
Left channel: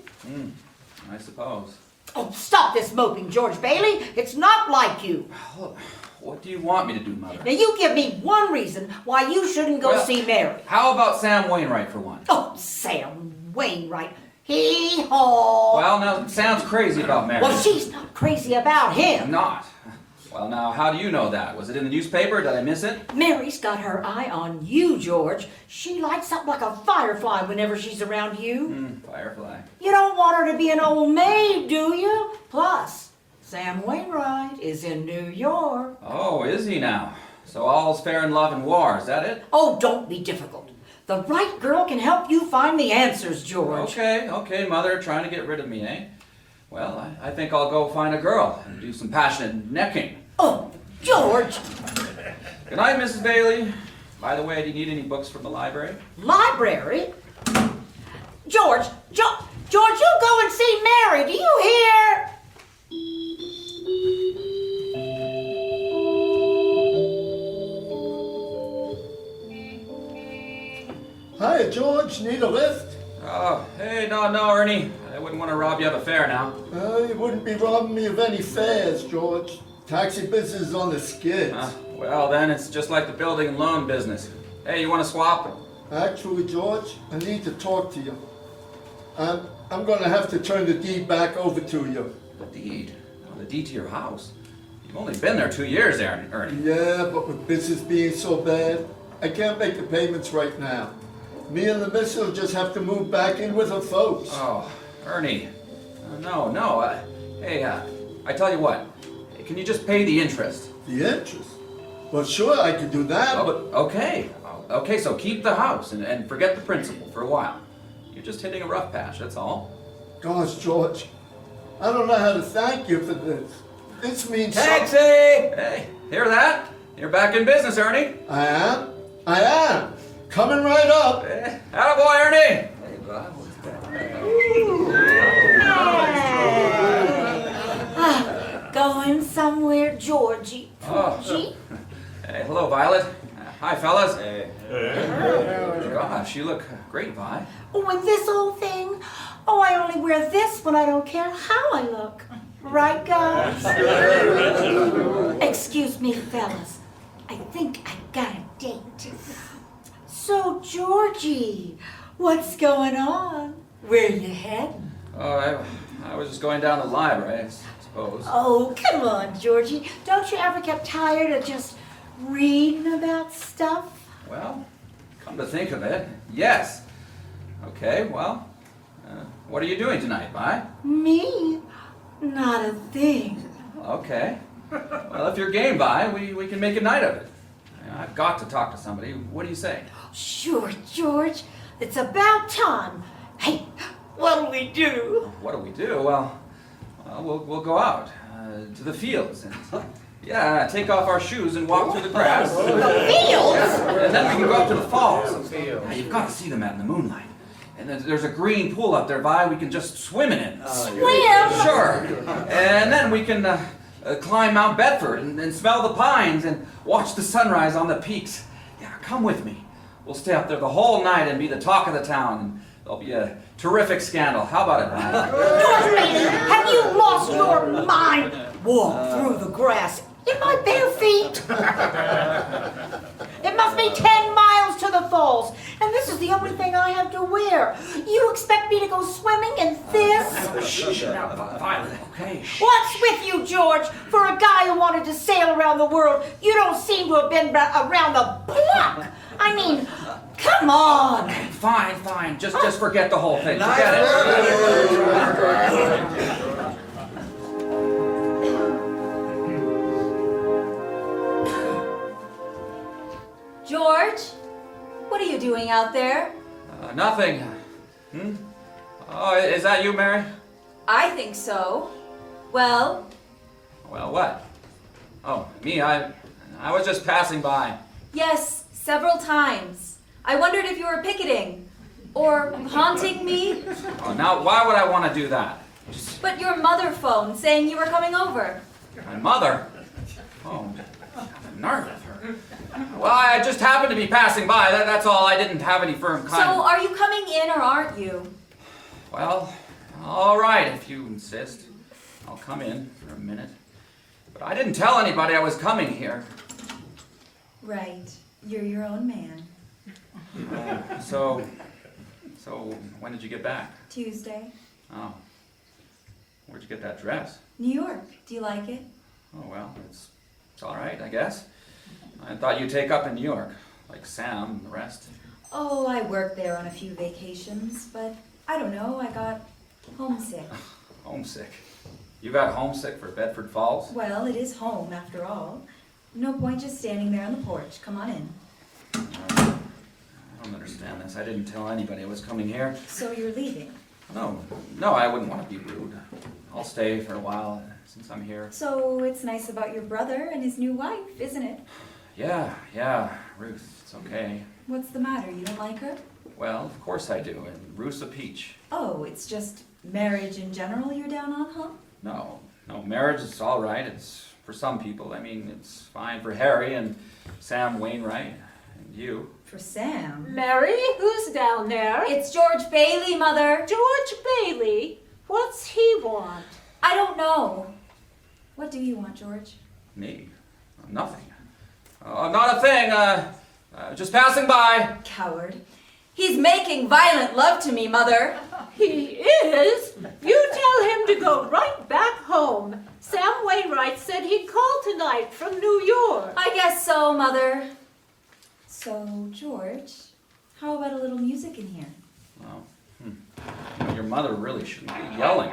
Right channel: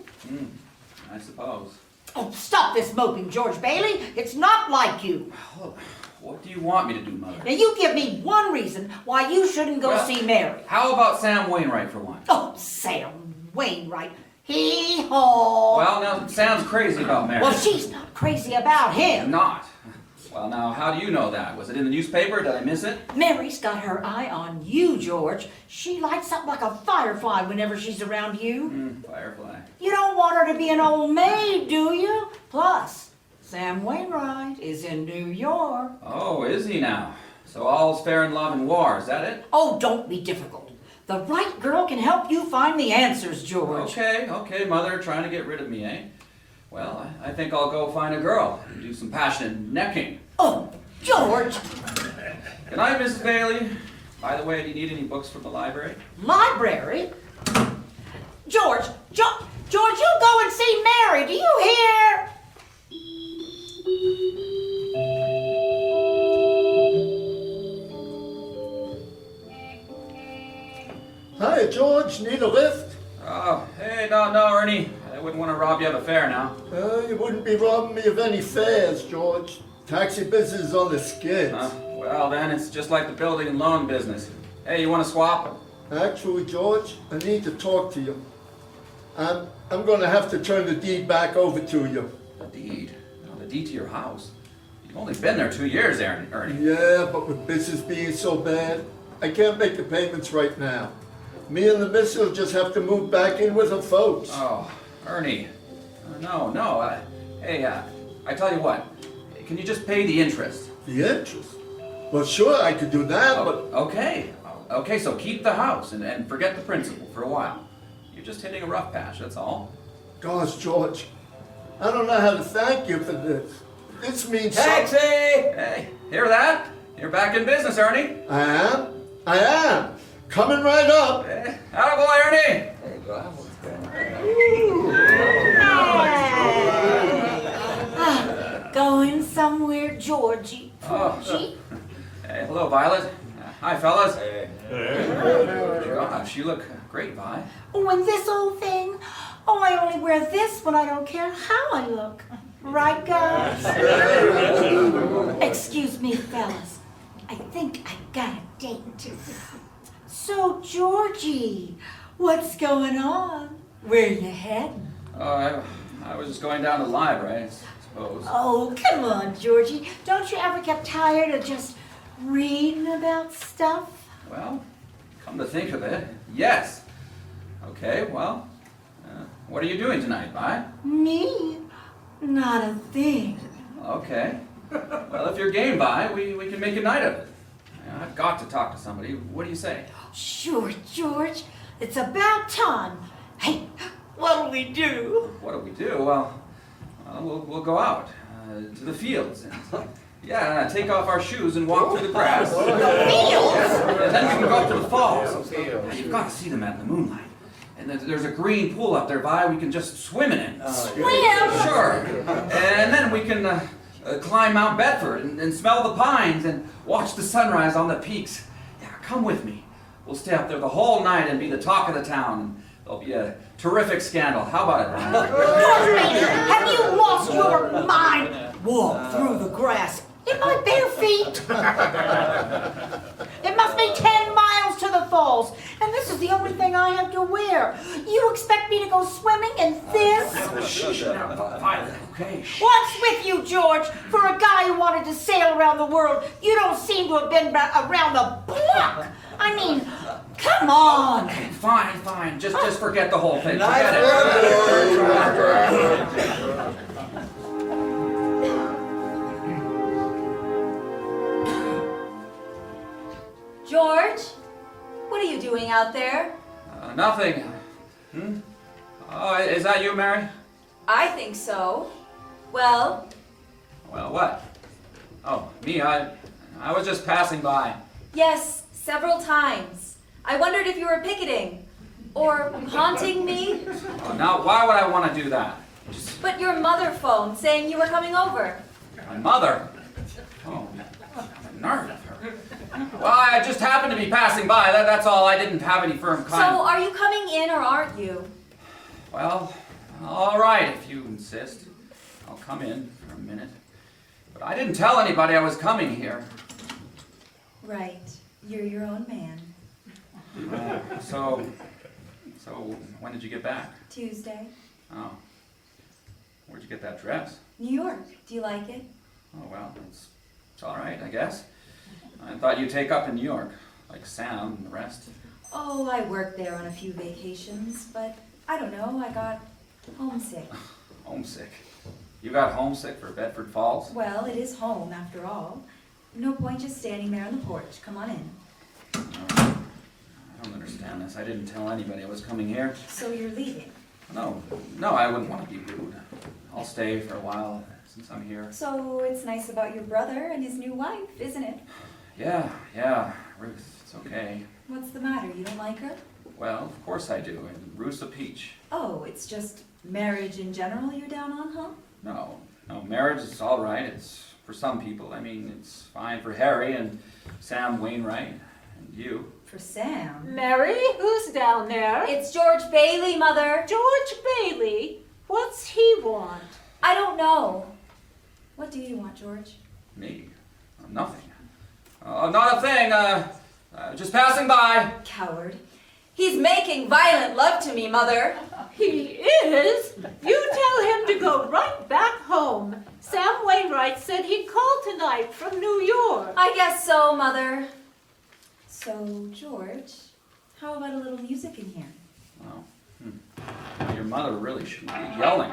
I suppose. Oh, stop this moping, George Bailey. It's not like you. Well, what do you want me to do, Mother? Now, you give me one reason why you shouldn't go see Mary. How about Sam Wainwright for one? Oh, Sam Wainwright. Hee-haw. Well, now, sounds crazy about Mary. Well, she's not crazy about him. Not. Well, now, how do you know that? Was it in the newspaper? Did I miss it? Mary's got her eye on you, George. She lights up like a firefly whenever she's around you. Firefly. You don't want her to be an old maid, do you? Plus, Sam Wainwright is in New York. Oh, is he now? So all's fair in love and war, is that it? Oh, don't be difficult. The right girl can help you find the answers, George. Okay, Mother, trying to get rid of me, eh? Well, I think I'll go find a girl and do some passionate necking. Oh, George! Good night, Mrs. Bailey. By the way, do you need any books from the library? Library? George, you go and see Mary, do you hear? Hi, George. Need a lift? Oh, hey, no, Ernie. I wouldn't want to rob you of a fare now. You wouldn't be robbing me of any fares, George. Taxi business is on the skids. Well, then it's just like the building and loan business. Hey, you want to swap? Actually, George, I need to talk to you. I'm going to have to turn the deed back over to you. The deed? Oh, the deed to your house? You've only been there 2 years, Ernie. Yeah, but with business being so bad, I can't make the payments right now. Me and the missus will just have to move back in with her folks. Oh, Ernie. No. I tell you what. Can you just pay the interest? The interest? Well, sure, I could do that, but... Okay, so keep the house and forget the principal for a while. You're just hitting a rough patch, that's all. Gosh, George, I don't know how to thank you for this. This means... Taxi! Hey, hear that? You're back in business, Ernie. I am. Coming right up. Attaboy, Ernie! Going somewhere, Georgie. Hey, hello, Violet. Hi, fellas. Hey. Gosh, you look great, Vi. Oh, and this old thing? Oh, I only wear this when I don't care how I look. Right, guys? Excuse me, fellas. I think I got a date. So, Georgie, what's going on? Where you heading? I was just going down to the library, I suppose. Oh, come on, Georgie. Don't you ever get tired of just reading about stuff? Well, come to think of it, yes. Okay, well, what are you doing tonight, Vi? Me? Not a thing. Okay. Well, if you're game, Vi, we can make a night of it. I've got to talk to somebody. What do you say? Sure, George. It's about time. Hey, what'll we do? What do we do? Well, we'll go out to the fields. And, yeah, take off our shoes and walk through the grass. Fields? And then we can go up to the falls. Now, you've got to see them out in the moonlight. And there's a green pool up there, Vi. We can just swim in it. Swim? Sure. And then we can climb Mount Bedford and smell the pines and watch the sunrise on the peaks. Yeah, come with me. We'll stay up there the whole night and be the talk of the town. And there'll be a terrific scandal. How about it, Vi? George Bailey, have you lost your mind? Walk through the grass in my bare feet. It must be 10 miles to the falls, and this is the only thing I have to wear. You expect me to go swimming in this? Shh, now, Violet, okay? Shh. What's with you, George? For a guy who wanted to sail around the world, you don't seem to have been around the block. I mean, come on. Okay, fine. Just forget the whole thing. Forget it. George, what are you doing out there? Nothing. Oh, is that you, Mary? I think so. Well, Well, what? Oh, me, I was just passing by. yes, several times. I wondered if you were picketing or haunting me, Oh, now, why would I want to do that? but your mother phoned saying you were coming over. My mother? Oh, the nerve of her. Well, I just happened to be passing by. That's all. I didn't have any firm So kind. are you coming in or aren't you? Well, all right, if you insist. I'll come in for a minute. But I didn't tell anybody I was coming here. Right, you're your own man. So when did you get back? Tuesday. Oh. Where'd you get that dress? New York, do you like it? Oh, well, it's all right, I guess. I thought you'd take up in New York, like Sam and the rest. Oh, I worked there on a few vacations, but I don't know, I got homesick. Homesick. You got homesick for Bedford Falls? Well, it is home after all. No point just standing there on the porch. Come on in. I don't understand this. I didn't tell anybody I was coming here. So you're leaving. No, I wouldn't want to be rude. I'll stay for a while since I'm here. So it's nice about your brother and his new wife, isn't it? Yeah, Ruth, it's okay. What's the matter? You don't like her? Well, of course I do, and Ruth's a peach. Oh, it's just marriage in general you're down on, huh? No, marriage is all right. It's for some people. I mean, it's fine for Harry and Sam Wainwright and you. For Sam. Mary, who's down there? It's George Bailey, Mother. George Bailey. What's he want? I don't know. What do you want, George? Me? Nothing. Not a thing. Just passing by. Coward. He's making violent love to me, Mother. He is? You tell him to go right back home. Sam Wainwright said he'd call tonight from New York. I guess so, Mother. So, George, how about a little music in here? Oh, your mother really shouldn't be yelling.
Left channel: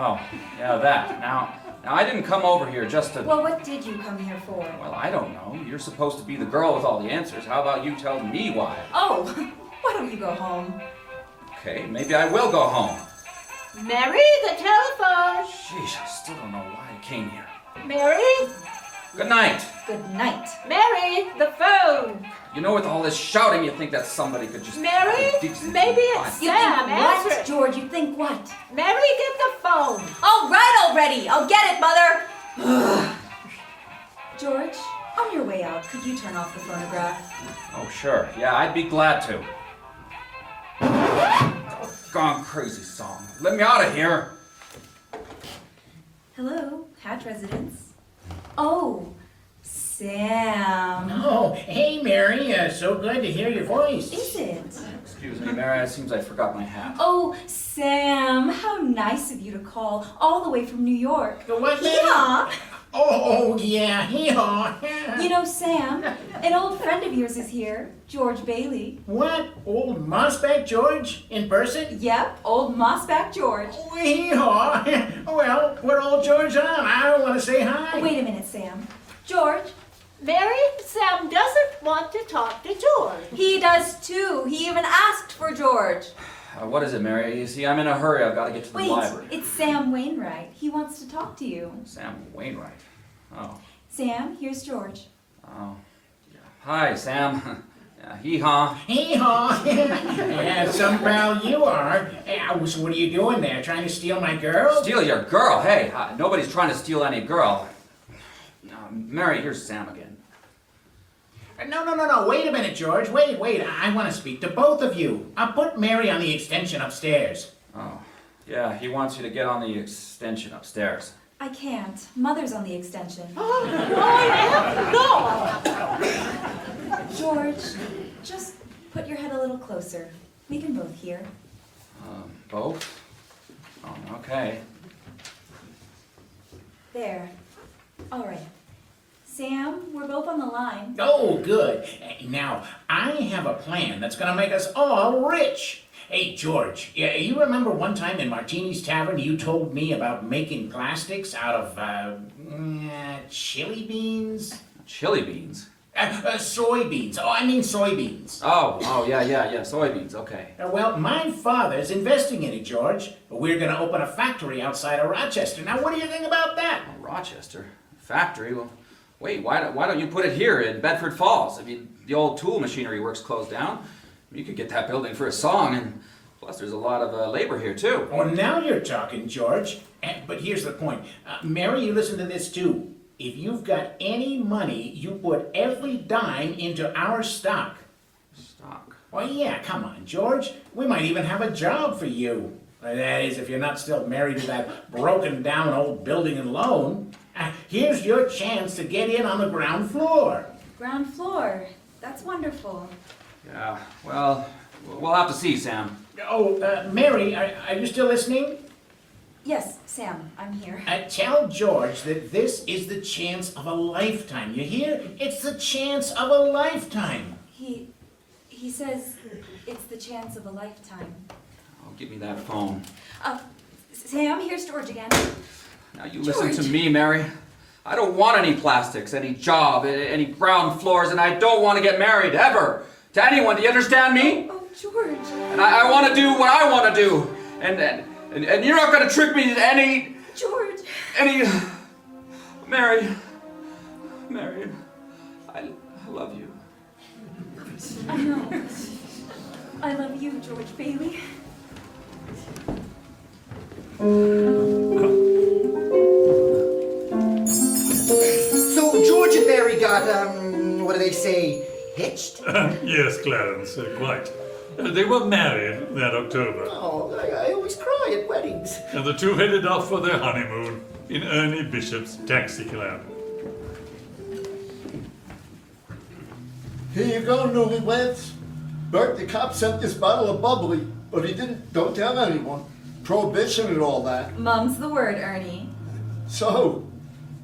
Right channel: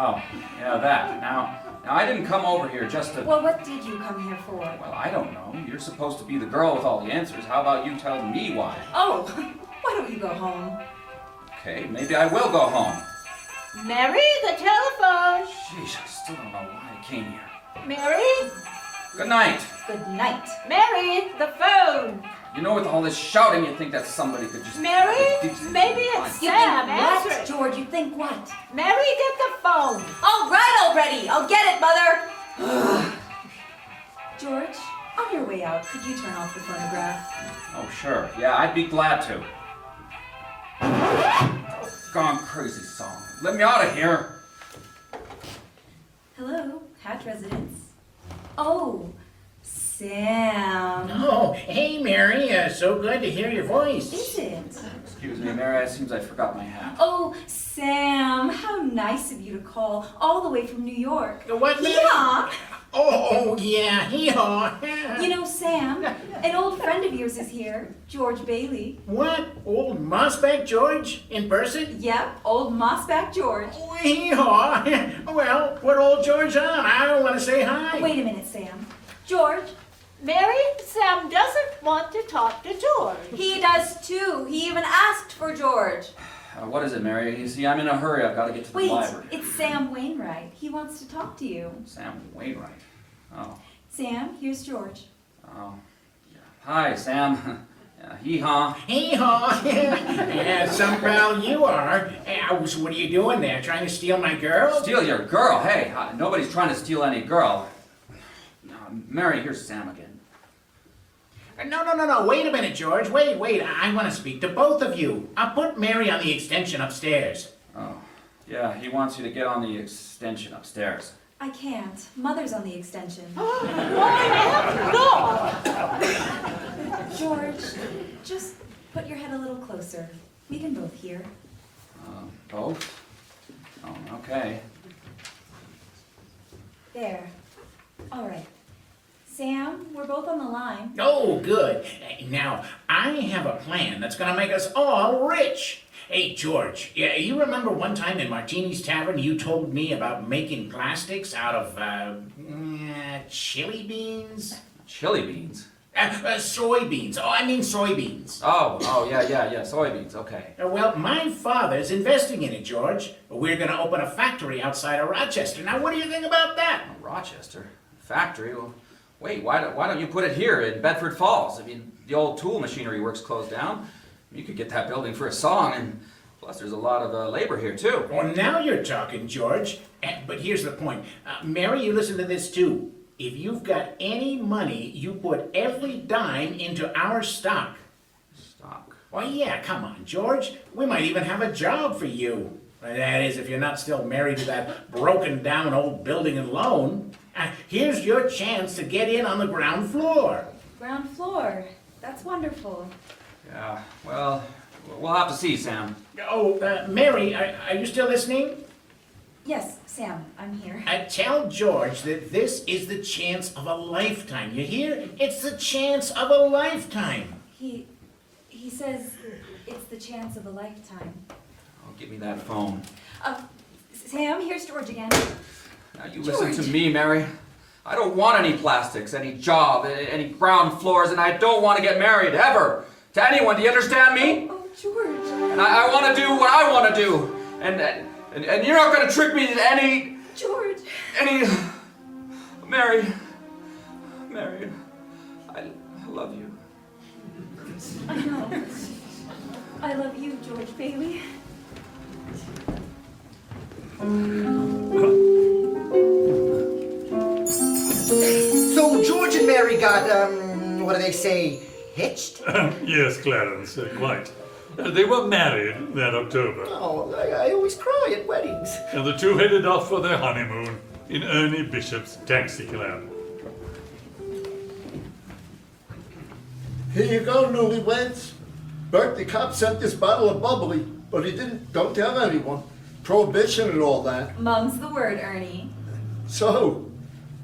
Oh, yeah, that. Now I didn't come over here just to... Well, what did you come here for? Well, I don't know. You're supposed to be the girl with all the answers. How about you tell me why? Oh, why don't you go home? Okay, maybe I will go home. Mary, the telephone. Sheesh, I still don't know why I came here. Mary? Good night. Good night. Mary, the phone. You know, with all this shouting, you think that somebody could just... Mary? Maybe it's You Sam. think Answer what, it. George? You think what? Mary, get the phone. All right already. I'll get it, Mother. George, on your way out, could you turn off the phonograph? Oh, sure. Yeah, I'd be glad to. Gone crazy song. Let me out of here. Hello, Hatch residence. Oh, Sam. Oh, hey, Mary. So good to hear your voice. Is it? Excuse me, Mary, it seems I forgot my hat. Oh, Sam, how nice of you to call all the way from New York. What? Yeah. Oh, yeah, hee-haw. You know, Sam, an old friend of yours is here, George Bailey. What? Old Mossback George in person? Yep, old Mossback George. Oh, hee-haw. Well, put old George on. I don't want to say hi. Wait a minute, Sam. George, Mary, Sam doesn't want to talk to George. he does too. He even asked for George. What is it, Mary? You see, I'm in a hurry. I've got to get to the Wait, library. it's Sam Wainwright. He wants to talk to you. Sam Wainwright. Oh. Sam, here's George. Oh. Yeah. Hi, Sam. Hee-haw. Hee-haw. Yeah, some pal you are. So what are you doing there? Trying to steal my girl? Steal your girl? Hey, nobody's trying to steal any girl. Mary, here's Sam again. No. Wait a minute, George. Wait. I want to speak to both of you. I'll put Mary on the extension upstairs. Oh. Yeah, he wants you to get on the extension upstairs. I can't. Mother's on the extension. George, just put your head a little closer. We can both hear. Both? Oh, okay. There. All right. Sam, we're both on the line. Oh, good. Now, I have a plan that's going to make us all rich. Hey, George, you remember one time in Martini's Tavern you told me about making plastics out of, chili beans? Chili beans? Soybeans. Oh, I mean soybeans. Oh, yeah, soybeans, okay. Well, my father's investing in it, George. We're going to open a factory outside of Rochester. Now, what do you think about that? Oh, Rochester? Factory? Well, wait, why don't you put it here in Bedford Falls? I mean, the old tool machinery works closed down. You could get that building for a song, and plus there's a lot of labor here, too. Well, now you're talking, George. But here's the point. Mary, you listen to this, too. If you've got any money, you put every dime into our stock. Stock? Well, yeah, come on, George. We might even have a job for you. That is, if you're not still married to that broken down old building and loan. Here's your chance to get in on the ground floor. Ground floor. That's wonderful. Yeah, well, we'll have to see, Sam. Oh, Mary, are you still listening? Yes, Sam, I'm here. Tell George that this is the chance of a lifetime. You hear? It's the chance of a lifetime. He says it's the chance of a lifetime. Oh, give me that phone. Sam, here's George again. Now you listen to me, Mary. I don't want any plastics, any job, any ground floors, and I don't want to get married, ever. To anyone, do you understand me? Oh, George. And I want to do what I want to do. And you're not going to trick me into any... George. Mary, I love you. I love you, George Bailey. So George and Mary got, what do they say, hitched? Yes, Clarence, quite. They were married that October. Oh, I always cry at weddings. And the two headed off for their honeymoon in Ernie Bishop's taxi cab. Here you go, newlyweds. Bert, the cop sent this bottle of bubbly, but he don't tell anyone. Prohibition and all that. Mum's the word, Ernie. So,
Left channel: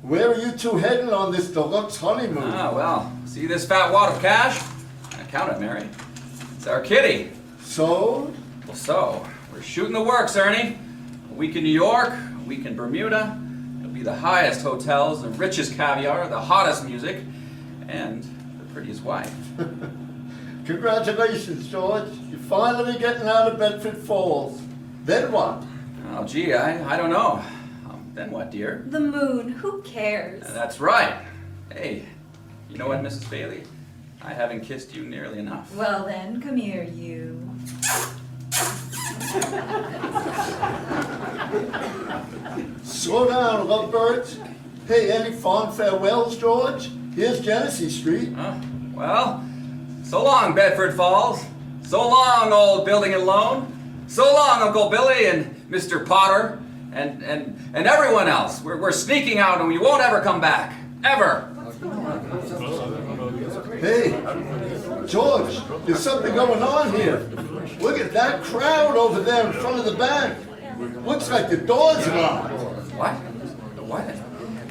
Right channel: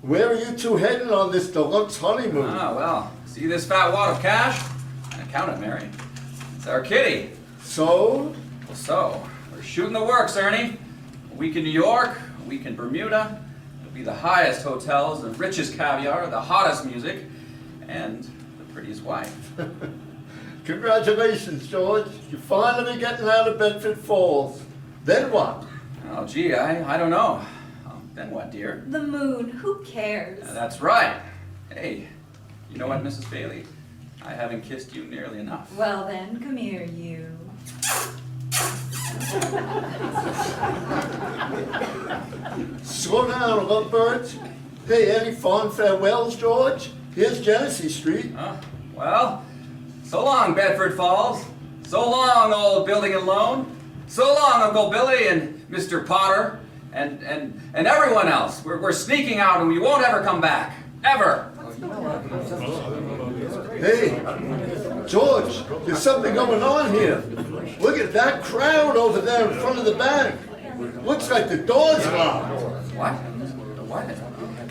where are you two heading on this deluxe honeymoon? Well, see this fat wad of cash? I count it, Mary. It's our kitty. So? Well, so, we're shooting the works, Ernie. A week in New York, a week in Bermuda. It'll be the highest hotels, the richest caviar, the hottest music, and the prettiest wife. Congratulations, George. You're finally getting out of Bedford Falls. Then what? Oh, gee, I don't know. Then what, dear? The moon. Who cares? That's right. Hey, you know what, Mrs. Bailey? I haven't kissed you nearly enough. Well then, come here, you. Slow down, lovebirds. Hey, any fond farewells, George? Here's Genesee Street. Well, so long, Bedford Falls. So long, old building and loan. So long, Uncle Billy and Mr. Potter and everyone else. We're sneaking out and we won't ever come back. Ever. Hey, George, there's something going on here. Look at that crowd over there in front of the bank. Looks like the door's locked. What? What?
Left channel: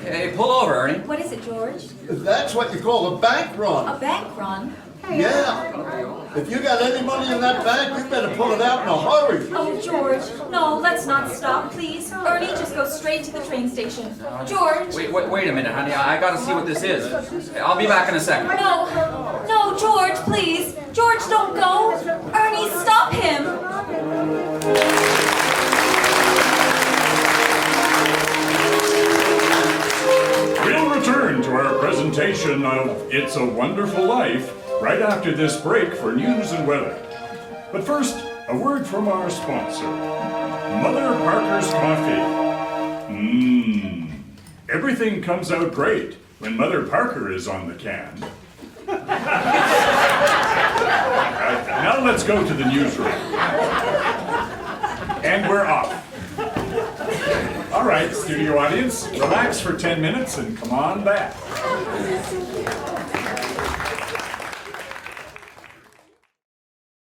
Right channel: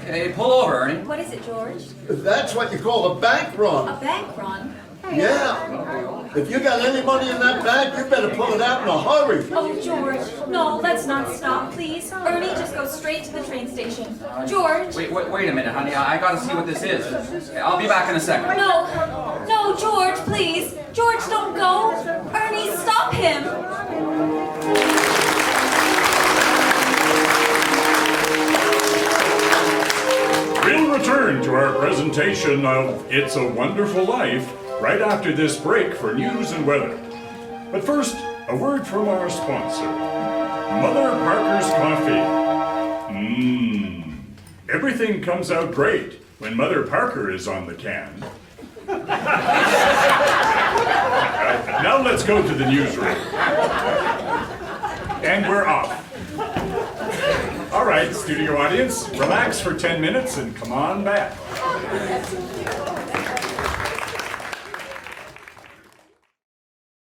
Hey, pull over, Ernie. What is it, George? That's what you call a bank A run. bank run? Yeah. If you got any money in that bank, you better pull it out in a hurry. Oh, George, no, let's not stop, please. Ernie, just go straight to the train station. George. Wait a minute, honey. I gotta see what this is. I'll be back in a second. No, George, please. George, don't go. Ernie, stop him. We'll return to our presentation of It's a Wonderful Life right after this break for news and weather. But first, a word from our sponsor, Mother Parker's Coffee. Everything comes out great when Mother Parker is on the can. Now let's go to the newsroom. And we're off. All right, studio audience, relax for 10 minutes and come on back.